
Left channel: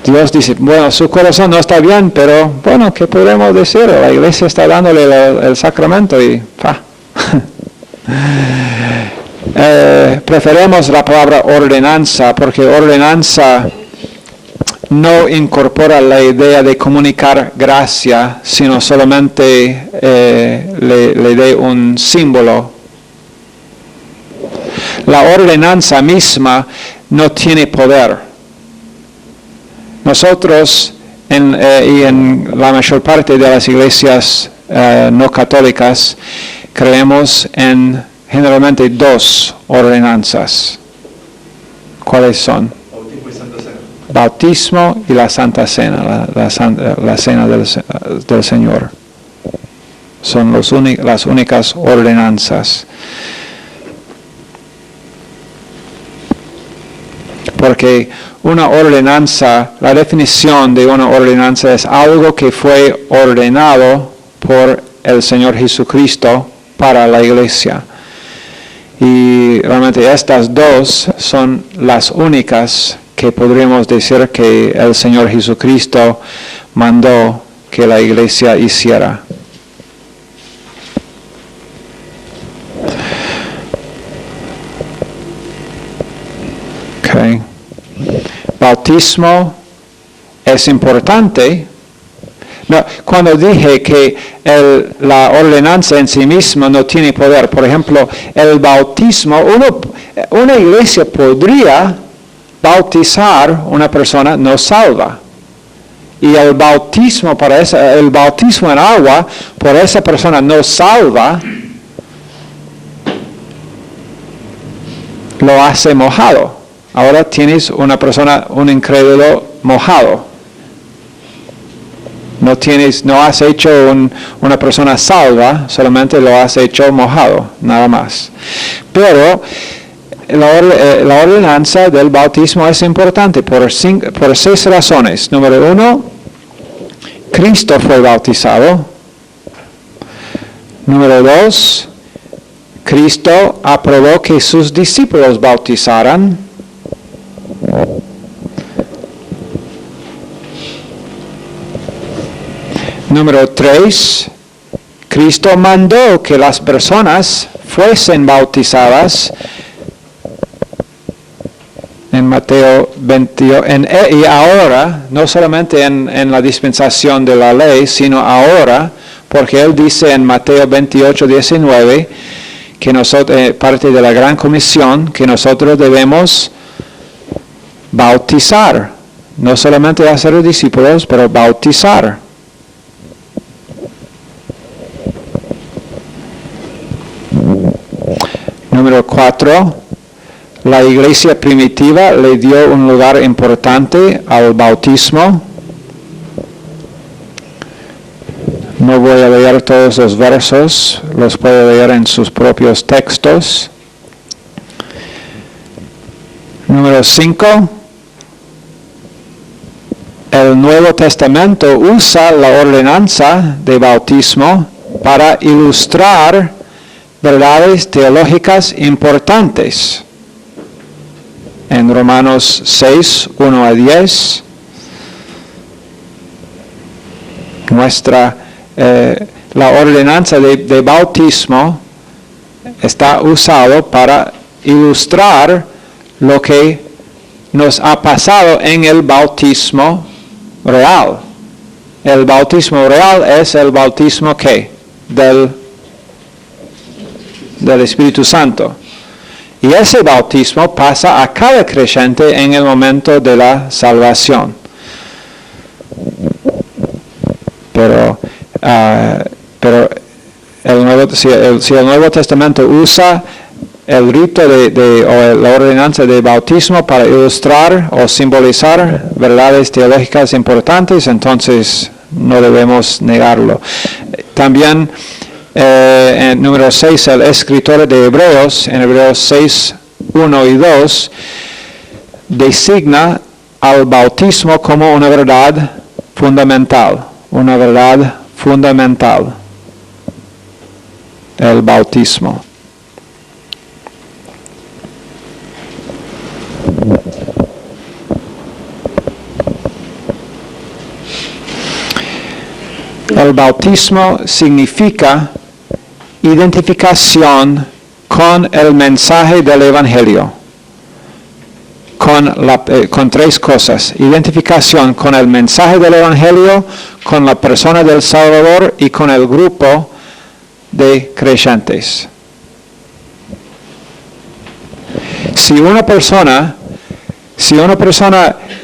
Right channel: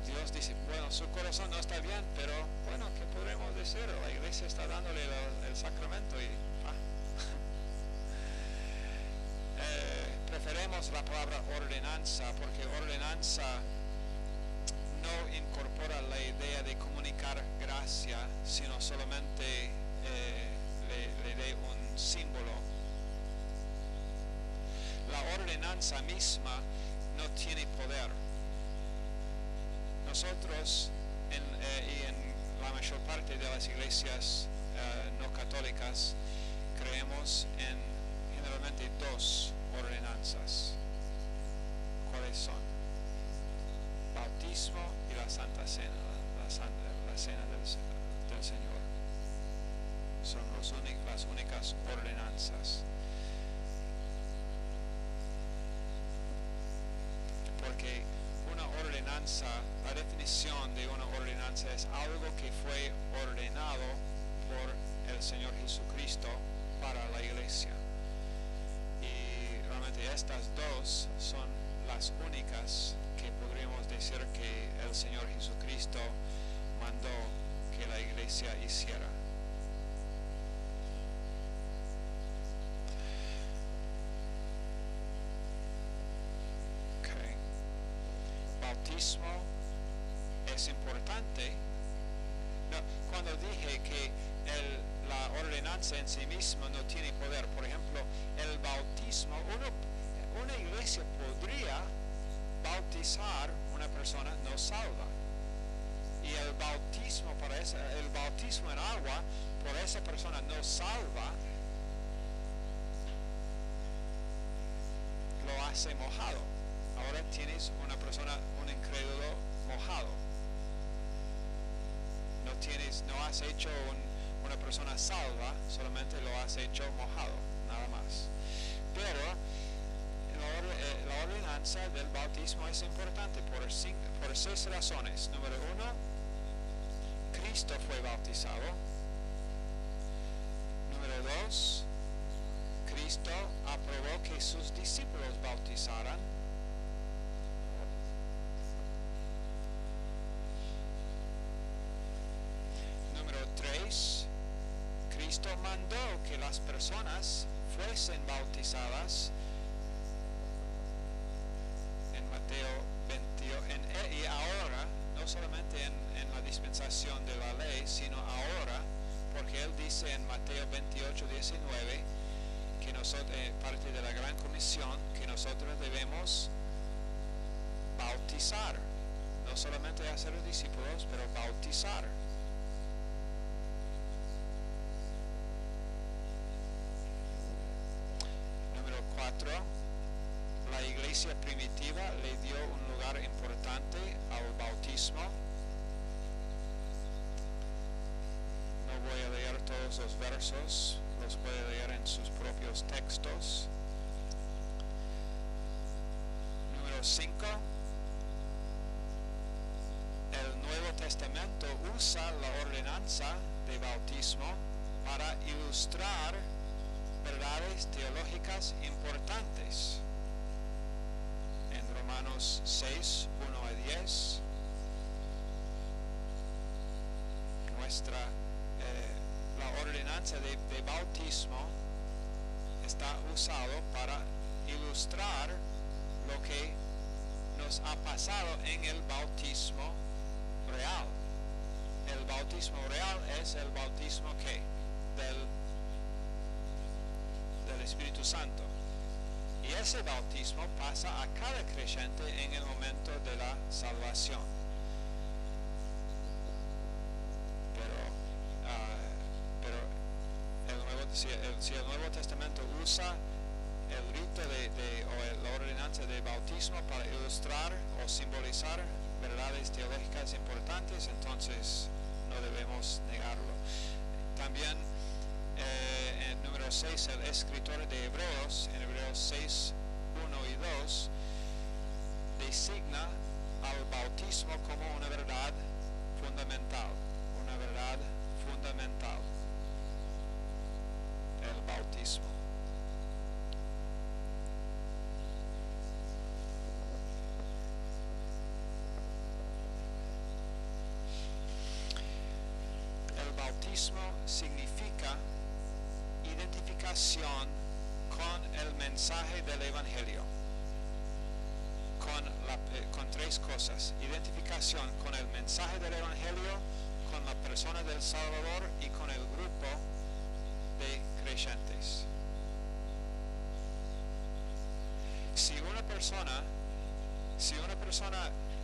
Dios dice, su corazón no está bien, pero ¿qué podemos decir? La iglesia está dándole el sacramento y preferimos la palabra ordenanza, porque ordenanza no incorpora la idea de comunicar gracia, sino solamente le dé un símbolo. La ordenanza misma no tiene poder. Nosotros, y en la mayor parte de las iglesias no católicas, creemos en generalmente 2 ordenanzas. ¿Cuáles son? Bautismo y la Santa Cena, la Cena del Señor. Son las únicas ordenanzas. Porque una ordenanza, la definición de una ordenanza es algo que fue ordenado por el Señor Jesucristo para la iglesia. Y realmente estas 2 son las únicas que podríamos decir que el Señor Jesucristo mandó que la iglesia hiciera. Bautismo es importante. Cuando dije que la ordenanza en sí misma no tiene poder, por ejemplo, el bautismo, una iglesia podría bautizar una persona no salva. Y el bautismo en agua por esa persona no salva lo hace mojado. Ahora tienes una persona, un incrédulo mojado. No has hecho una persona salva, solamente lo has hecho mojado, nada más. Pero la ordenanza del bautismo es importante por 6 razones. Número 1, Cristo fue bautizado. Número 2, Cristo aprobó que sus discípulos bautizaran. Número 3, Cristo mandó que las personas fuesen bautizadas en Mateo 28, y ahora, no solamente en la dispensación de la ley, sino ahora, porque Él dice en Mateo 28, 19, que nosotros, parte de la gran comisión, que nosotros debemos bautizar, no solamente hacer discípulos, pero bautizar. Número 4, la iglesia primitiva le dio un lugar importante al bautismo. No voy a leer todos los versos, los puede leer en sus propios textos. Número 5, el Nuevo Testamento usa la ordenanza de bautismo para ilustrar verdades teológicas importantes. En Romanos 6, 1 a 10, la ordenanza de bautismo está usado para ilustrar lo que nos ha pasado en el bautismo real. El bautismo real es el bautismo ¿qué? Del Espíritu Santo. Y ese bautismo pasa a cada creyente en el momento de la salvación. Pero si el Nuevo Testamento usa el rito o la ordenanza de bautismo para ilustrar o simbolizar verdades teológicas importantes, entonces no debemos negarlo. También en número 6, el escritor de Hebreos, en Hebreos 6, 1 y 2, designa al bautismo como una verdad fundamental. Una verdad fundamental. El bautismo. El bautismo significa identificación con el mensaje del Evangelio, con 3 cosas: identificación con el mensaje del Evangelio, con la persona del Salvador y con el grupo de creyentes. Si una persona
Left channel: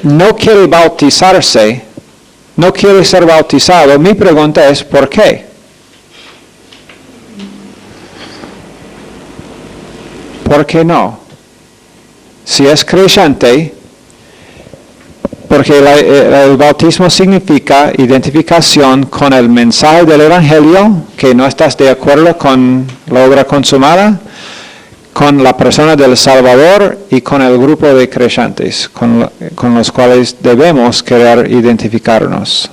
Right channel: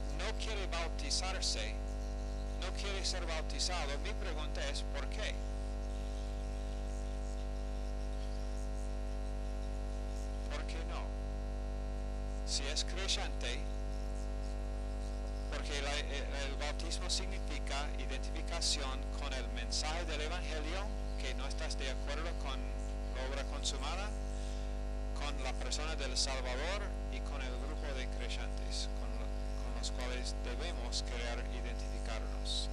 no quiere bautizarse, no quiere ser bautizado, mi pregunta es ¿por qué? ¿Por qué no? Si es creyente, porque el bautismo significa identificación con el mensaje del Evangelio, que no estás de acuerdo con la obra consumada, con la persona del Salvador y con el grupo de creyentes con los cuales debemos querer identificarnos.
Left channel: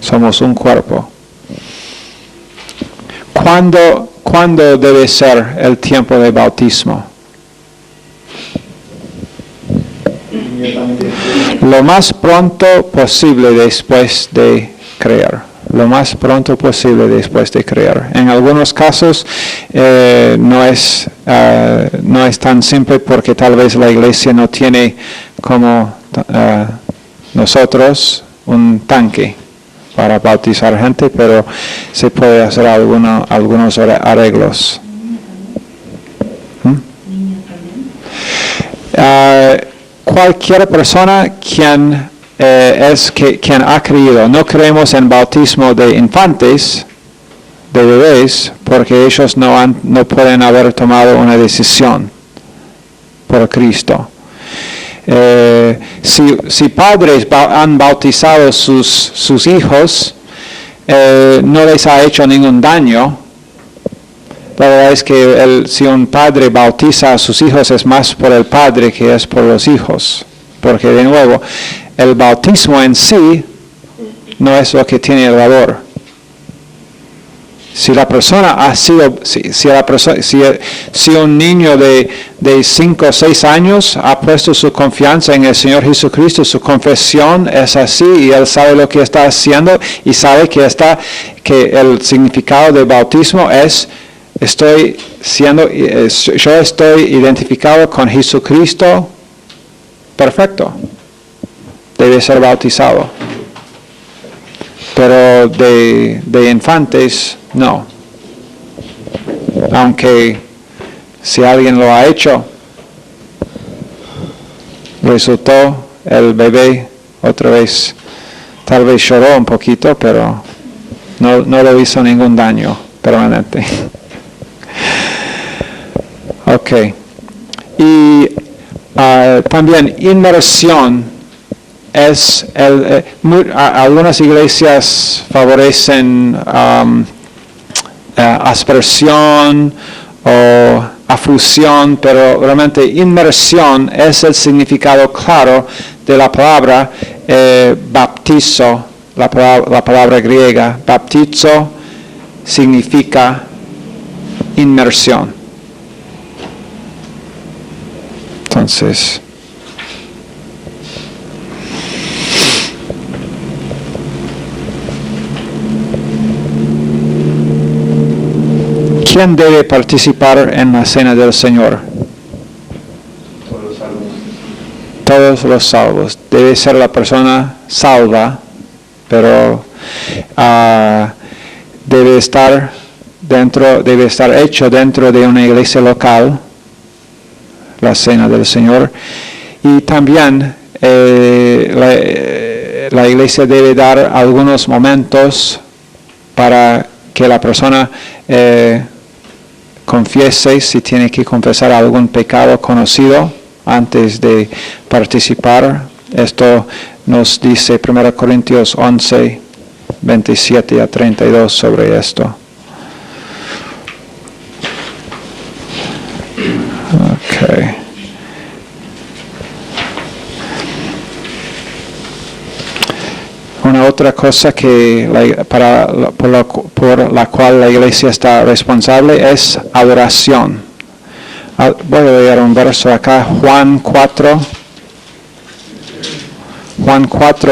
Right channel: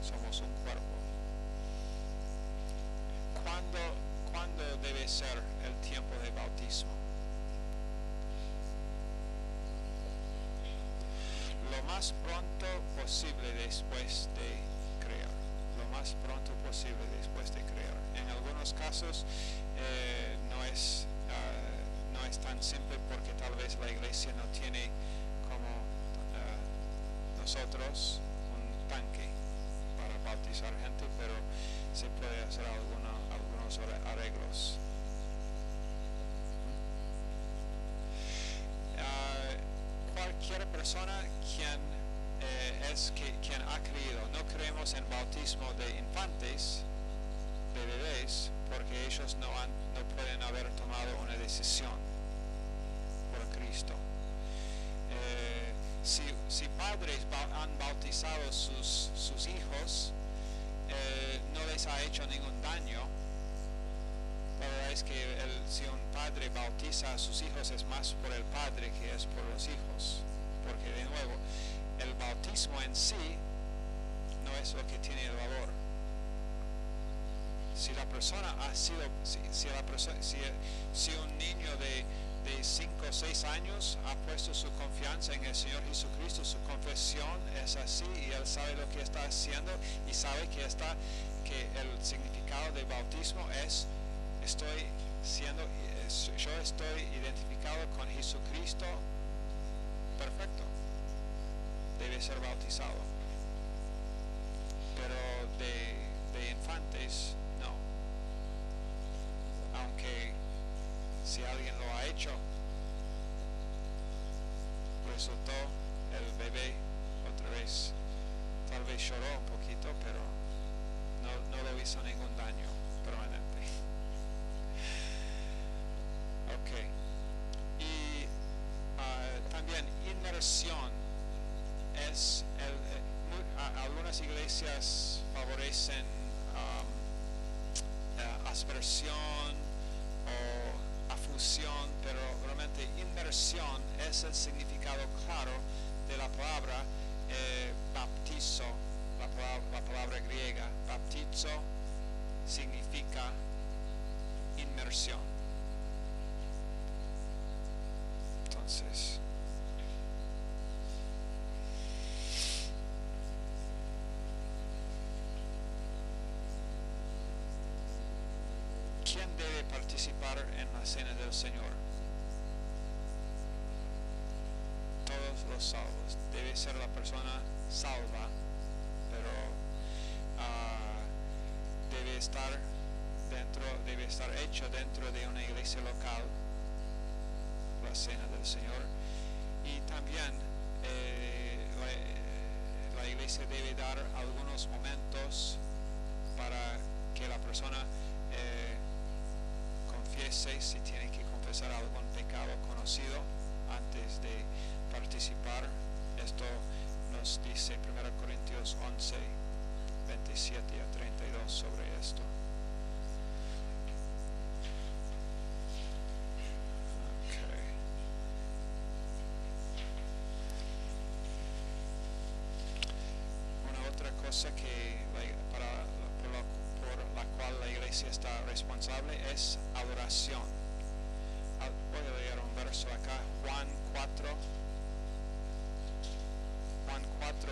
Somos un cuerpo. ¿Cuándo debe ser el tiempo de bautismo? Lo más pronto posible después de creer. Lo más pronto posible después de creer. En algunos casos no es tan simple porque tal vez la iglesia no tiene como nosotros un tanque para bautizar gente, pero se puede hacer algunos arreglos. Cualquier persona quien ha creído, no creemos en bautismo de infantes, de bebés, porque ellos no pueden haber tomado una decisión. por Cristo. Si padres han bautizado sus hijos, no les ha hecho ningún daño. La verdad es que si un padre bautiza a sus hijos es más por el padre que es por los hijos. Porque de nuevo, el bautismo en sí no es lo que tiene el valor. Si la persona ha sido, si un niño de 5 o 6 años ha puesto su confianza en el Señor Jesucristo, su confesión es así y él sabe lo que está haciendo y sabe que el significado del bautismo es yo estoy identificado con Jesucristo, perfecto, debe ser bautizado. Pero de infantes, no. Aunque si alguien lo ha hecho, resultó el bebé otra vez, tal vez lloró un poquito, pero no le hizo ningún daño permanente. Ok. Y también inmersión. Algunas iglesias favorecen aspersión o afusión, pero realmente inmersión es el significado claro de la palabra baptizo, la palabra griega. Baptizo significa inmersión. Entonces, ¿quién debe participar en la cena del Señor? Todos los salvos. Todos los salvos. Debe ser la persona salva, pero debe estar hecho dentro de una iglesia local, la cena del Señor. Y también la iglesia debe dar algunos momentos para que la persona confiese si tiene que confesar algún pecado conocido antes de participar. Esto nos dice 1 Corintios 11, 27 a 32 sobre esto. Okay. Una otra cosa por la cual la iglesia está responsable es adoración. Voy a leer un verso acá, Juan 4,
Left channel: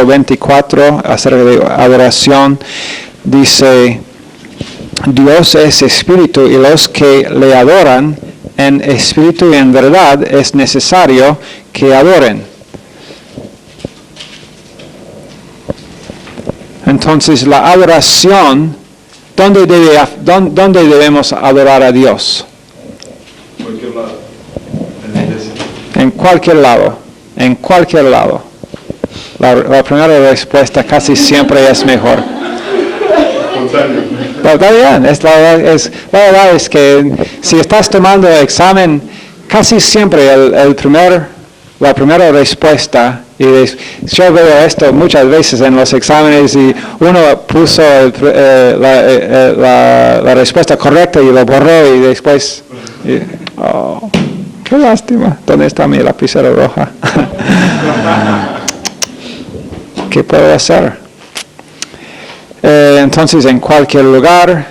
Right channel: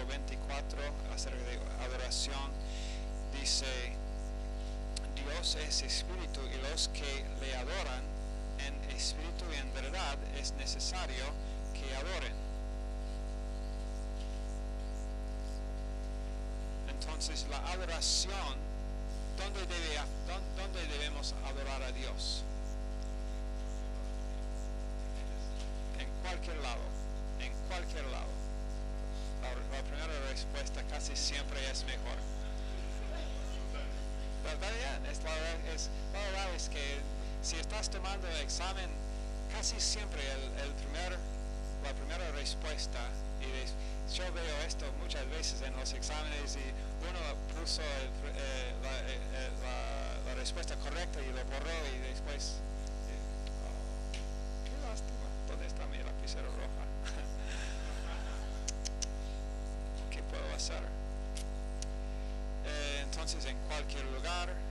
24, acerca de adoración, dice: Dios es espíritu y los que le adoran en espíritu y en verdad es necesario que adoren. Entonces la adoración, ¿dónde debemos adorar a Dios? Cualquier lado. En la iglesia. En cualquier lado. La primera respuesta casi siempre es mejor. Espontáneo. Pero está bien, la verdad es que si estás tomando el examen, casi siempre la primera respuesta, y yo veo esto muchas veces en los exámenes y uno puso la respuesta correcta y lo borró y después, qué lástima, ¿dónde está mi lapicera roja? ¿Qué puedo hacer? Entonces, en cualquier lugar,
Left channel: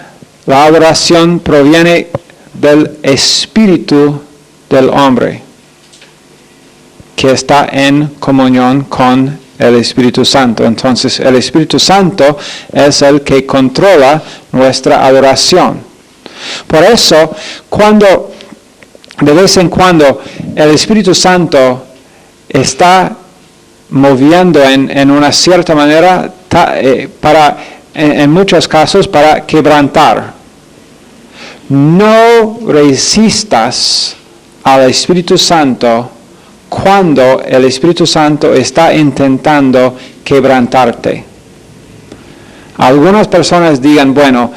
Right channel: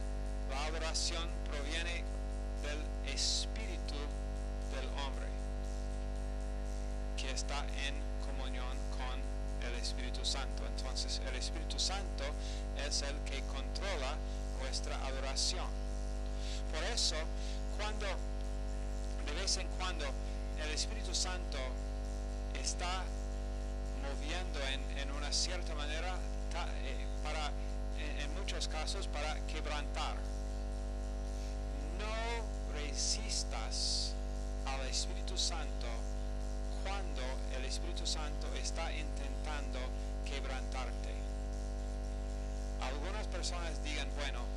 la adoración proviene del espíritu del hombre, que está en comunión con el Espíritu Santo. Entonces, el Espíritu Santo es el que controla nuestra adoración. Por eso, de vez en cuando, el Espíritu Santo está moviendo en una cierta manera en muchos casos para quebrantar. No resistas al Espíritu Santo cuando el Espíritu Santo está intentando quebrantarte. Algunas personas digan, bueno,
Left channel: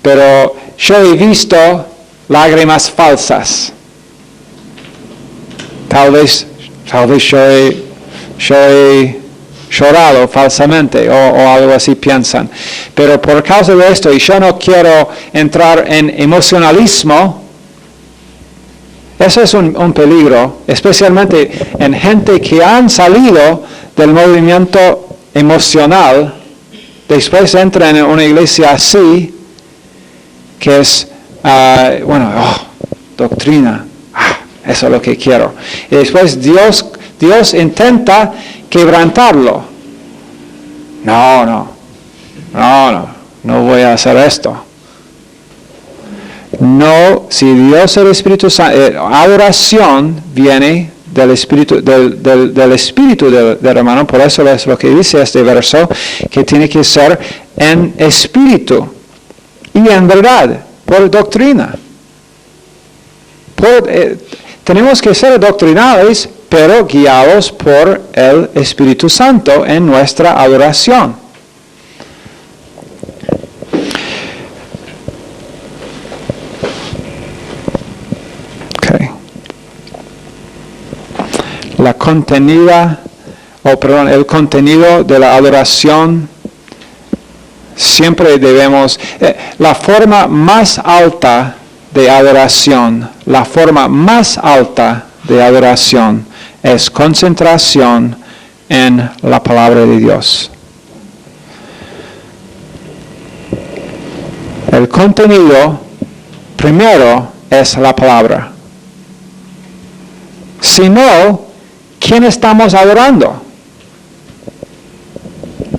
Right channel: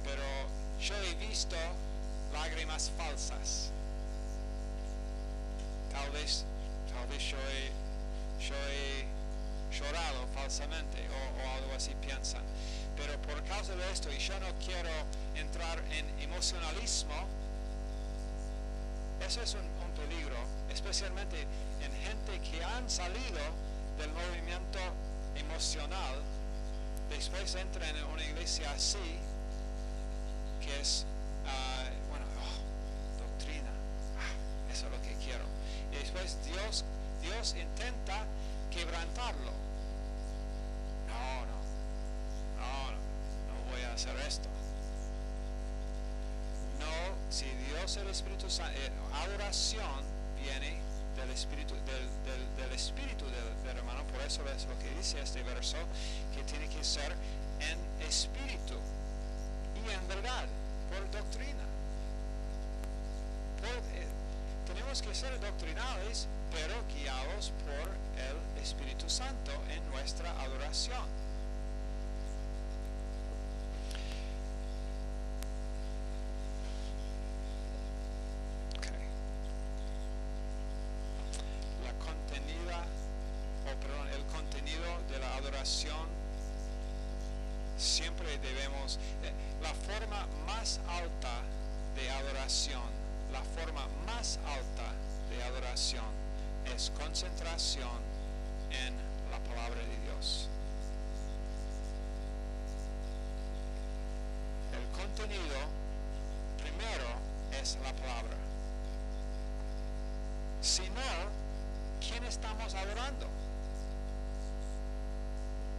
pero yo he visto lágrimas falsas. Tal vez yo he llorado falsamente o algo así piensan. Pero por causa de esto, y yo no quiero entrar en emocionalismo, eso es un peligro, especialmente en gente que han salido del movimiento emocional, después entran en una iglesia así, que es, doctrina, eso es lo que quiero. Y después Dios intenta quebrantarlo. No voy a hacer esto. No, si Dios es el Espíritu Santo, adoración viene del espíritu del hermano, por eso es lo que dice este verso, que tiene que ser en espíritu y en verdad, por doctrina. Tenemos que ser doctrinales, pero guiados por el Espíritu Santo en nuestra adoración. El contenido de la adoración siempre debemos, la forma más alta de adoración es concentración en la palabra de Dios. El contenido primero es la palabra. Si no, ¿quién estamos adorando?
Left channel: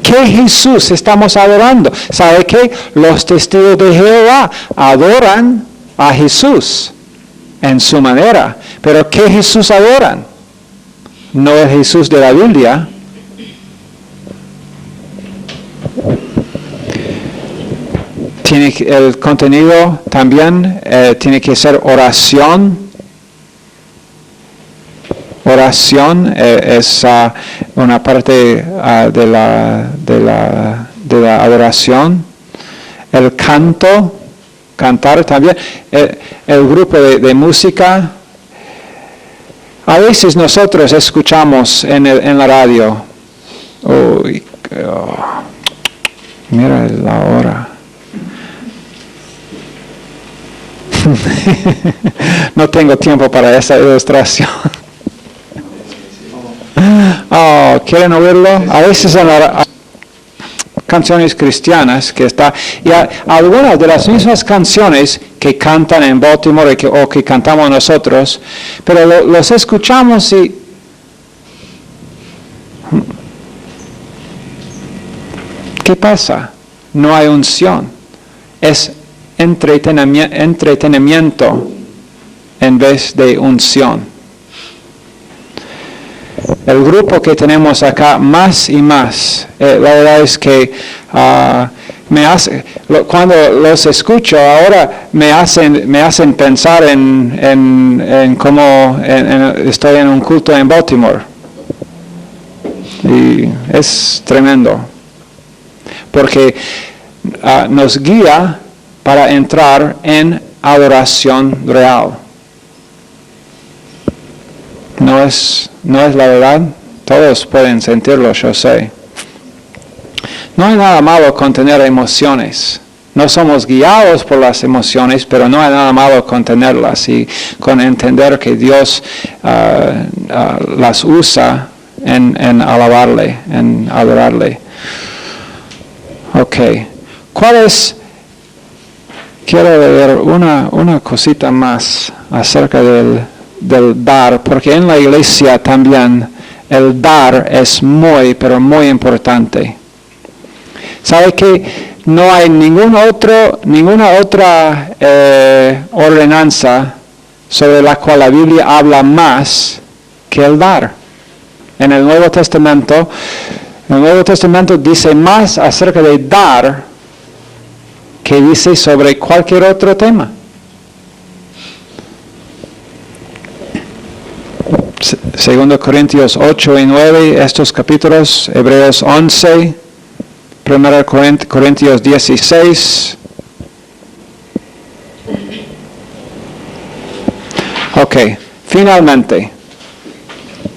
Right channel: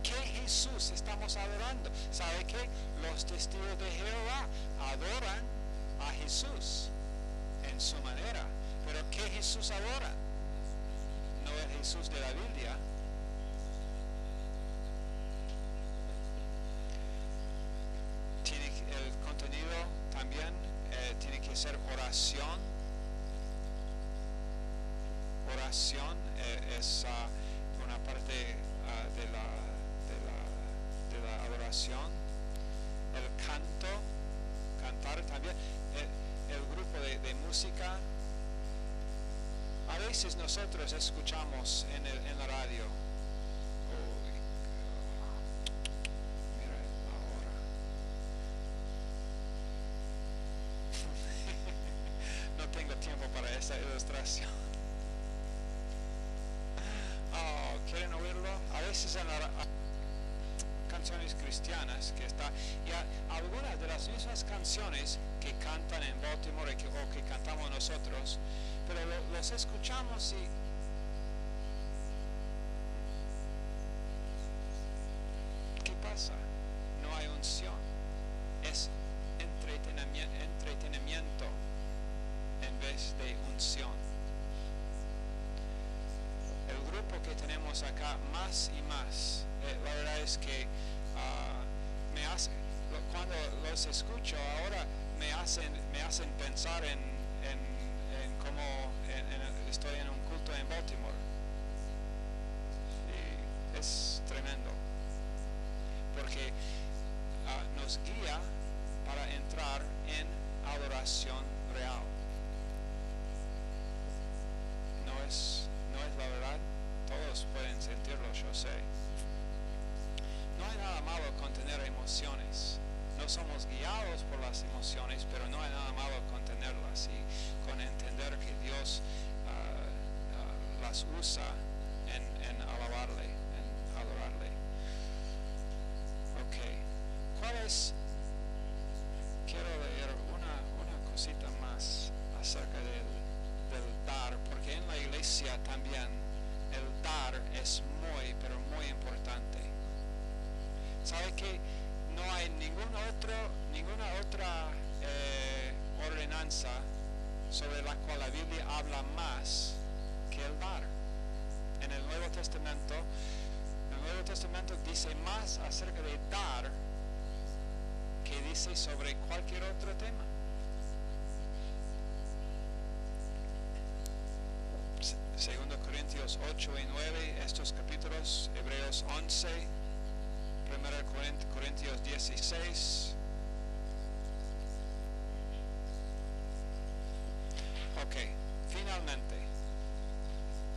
¿Qué Jesús estamos adorando? ¿Sabe qué? Los testigos de Jehová adoran a Jesús en su manera. Pero ¿qué Jesús adoran? No el Jesús de la Biblia. El contenido también tiene que ser oración. Oración es una parte de la adoración. El cantar también. El grupo de música. A veces nosotros escuchamos en la radio. Mira la hora. No tengo tiempo para esa ilustración. ¿Quieren oírlo? A veces en canciones cristianas que está, y algunas de las mismas canciones que cantan en Baltimore o que cantamos nosotros, pero los escuchamos y ¿qué pasa? No hay unción. Es entretenimiento en vez de unción. El grupo que tenemos acá, más y más, la verdad es que cuando los escucho ahora me hacen pensar en cómo estoy en un culto en Baltimore. Y es tremendo. Porque nos guía para entrar en adoración real. No es la verdad. Todos pueden sentirlo, yo sé. No hay nada malo con tener emociones. No somos guiados por las emociones, pero no hay nada malo con tenerlas y con entender que Dios las usa en alabarle, en adorarle. Ok. Quiero leer una cosita más acerca del dar, porque en la iglesia también el dar es muy, pero muy importante. ¿Sabe que no hay ninguna otra ordenanza sobre la cual la Biblia habla más que el dar? En el Nuevo Testamento dice más acerca de dar que dice sobre cualquier otro tema. Segundo Corintios 8 y 9, estos capítulos, Hebreos 11, 1 Corintios 16. Ok, finalmente,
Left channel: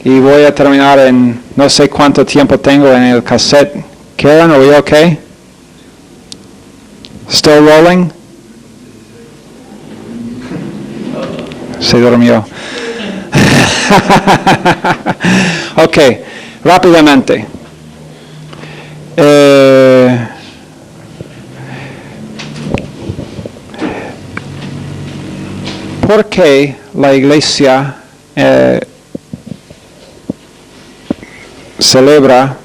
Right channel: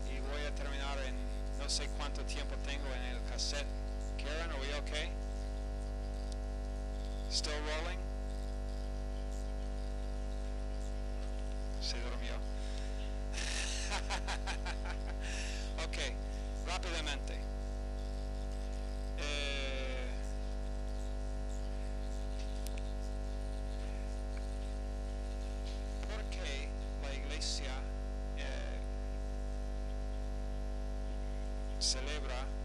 y voy a terminar en no sé cuánto tiempo tengo en el cassette. Karen, are we okay? Still rolling? Se durmió. Ok, rápidamente. ¿Por qué la iglesia celebra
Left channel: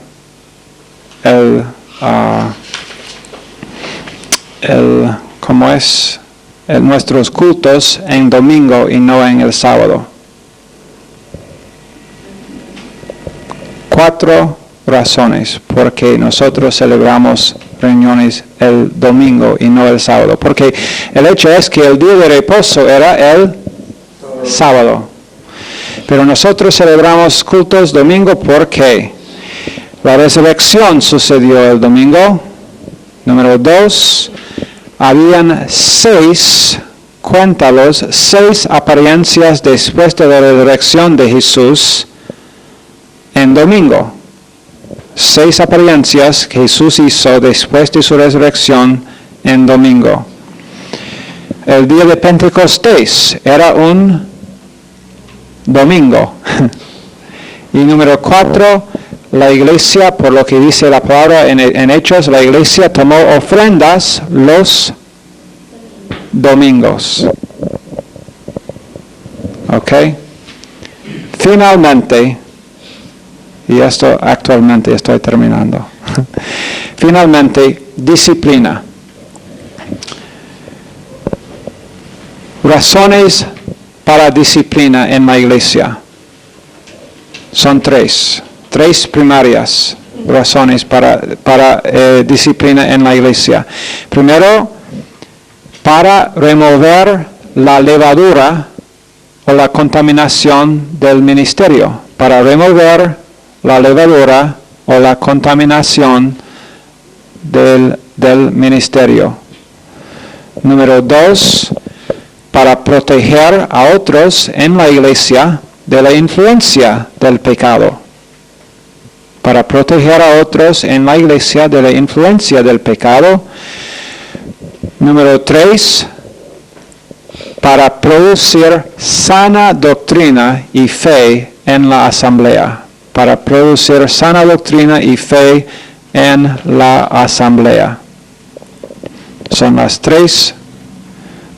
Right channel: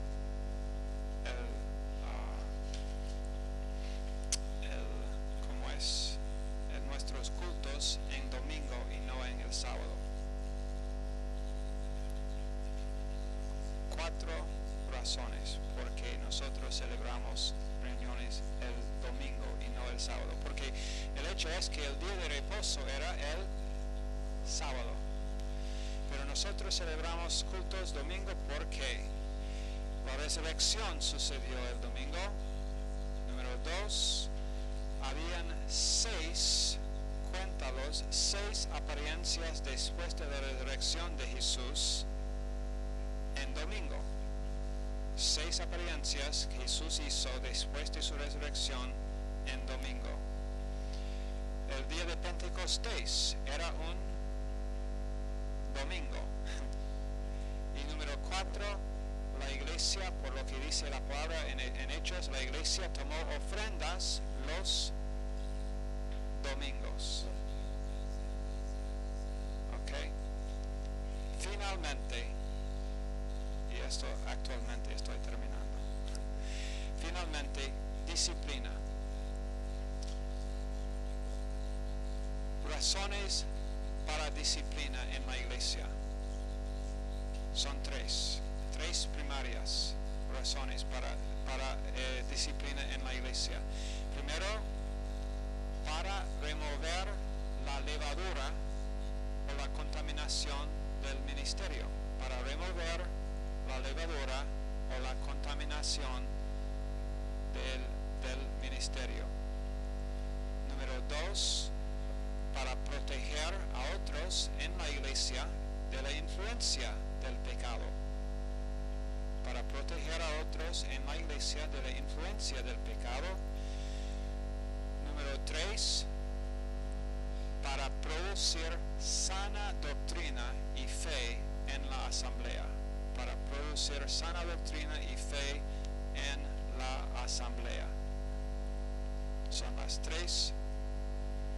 nuestros cultos en domingo y no en el sábado? 4 razones por qué nosotros celebramos reuniones el domingo y no el sábado. Porque el hecho es que el día de reposo era el sábado. Pero nosotros celebramos cultos domingo porque la resurrección sucedió el domingo. Número 2, habían 6 apariencias después de la resurrección de Jesús en domingo. 6 apariencias que Jesús hizo después de su resurrección en domingo. El día de Pentecostés era un domingo. Y número 4, la iglesia, por lo que dice la palabra en Hechos, la iglesia tomó ofrendas los domingos. ¿Ok? Finalmente, y esto actualmente estoy terminando. Finalmente, disciplina. Razones para disciplina en la iglesia. Son 3 primarias razones para disciplina en la iglesia. Primero, para remover la levadura o la contaminación del ministerio. Para remover la levadura o la contaminación del ministerio. Número 2, para proteger a otros en la iglesia de la influencia del pecado. Para proteger a otros en la iglesia de la influencia del pecado. Número 3, para producir sana doctrina y fe en la asamblea. Para producir sana doctrina y fe en la asamblea. Son las 3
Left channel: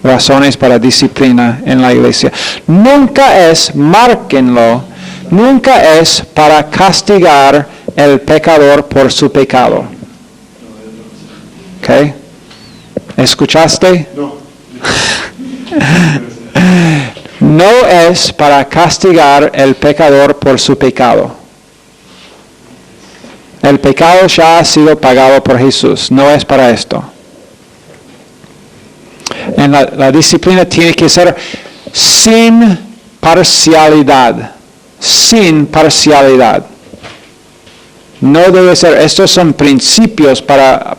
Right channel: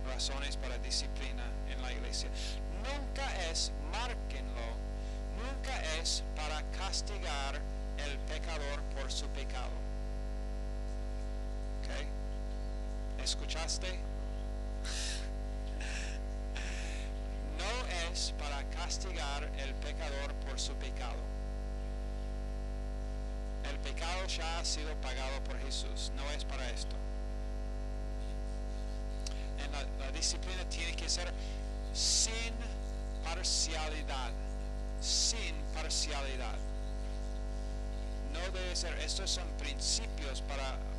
razones para disciplina en la iglesia. Nunca es, márquenlo, nunca es para castigar el pecador por su pecado. ¿Ok? ¿Escuchaste? No. No es para castigar el pecador por su pecado. El pecado ya ha sido pagado por Jesús, no es para esto. En la disciplina tiene que ser sin parcialidad. Sin parcialidad. No debe ser, estos son principios para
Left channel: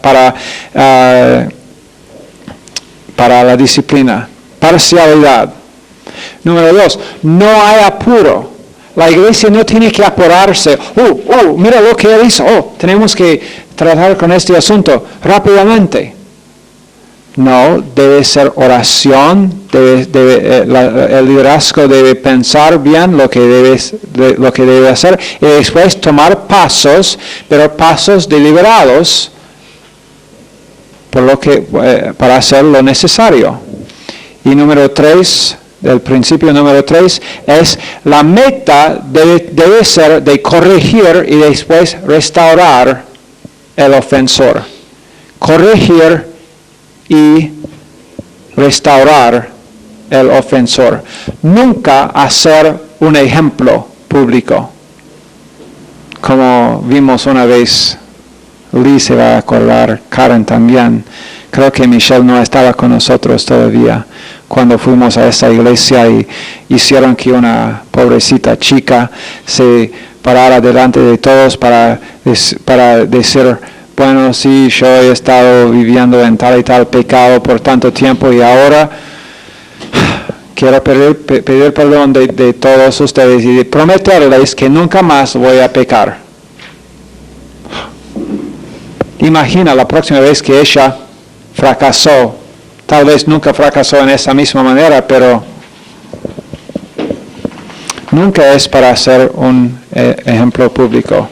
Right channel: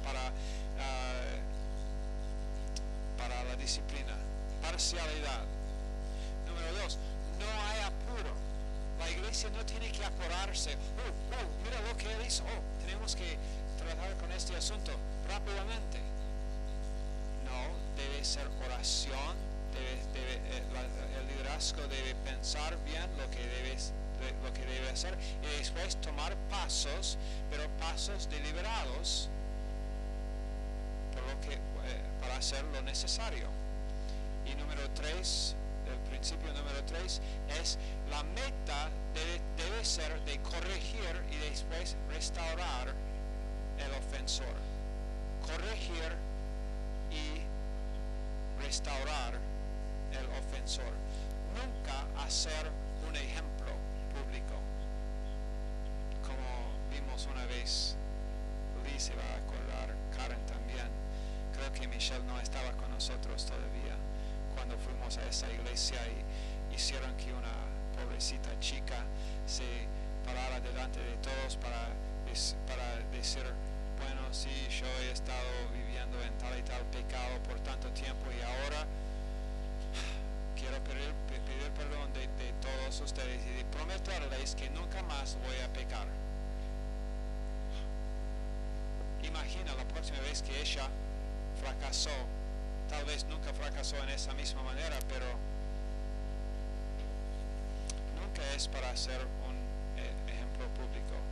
la disciplina. Parcialidad. Número 2, no hay apuro. La iglesia no tiene que apurarse. Mira lo que él hizo. Tenemos que tratar con este asunto rápidamente. No, debe ser oración. El liderazgo debe pensar bien lo que debe hacer y después tomar pasos, pero pasos deliberados para hacer lo necesario. Y número 3. El principio número 3 es la meta debe ser de corregir y después restaurar el ofensor. Corregir y restaurar el ofensor. Nunca hacer un ejemplo público. Como vimos una vez, Lee se va a acordar, Karen también. Creo que Michelle no estaba con nosotros todavía cuando fuimos a esa iglesia y hicieron que una pobrecita chica se parara delante de todos para decir, bueno, sí, yo he estado viviendo en tal y tal pecado por tanto tiempo y ahora quiero pedir perdón de todos ustedes y de prometerles que nunca más voy a pecar. Imagina la próxima vez que ella fracasó, tal vez nunca fracasó en esa misma manera, pero nunca es para ser un ejemplo público.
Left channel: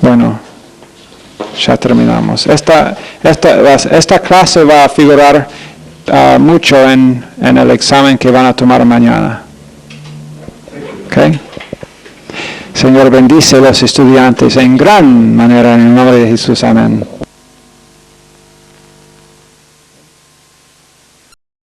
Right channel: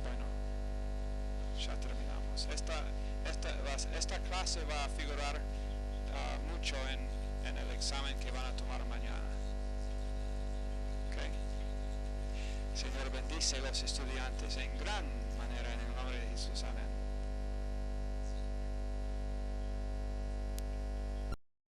Bueno, ya terminamos. Esta clase va a figurar mucho en el examen que van a tomar mañana. ¿Ok? Señor, bendice a los estudiantes en gran manera en el nombre de Jesús. Amén.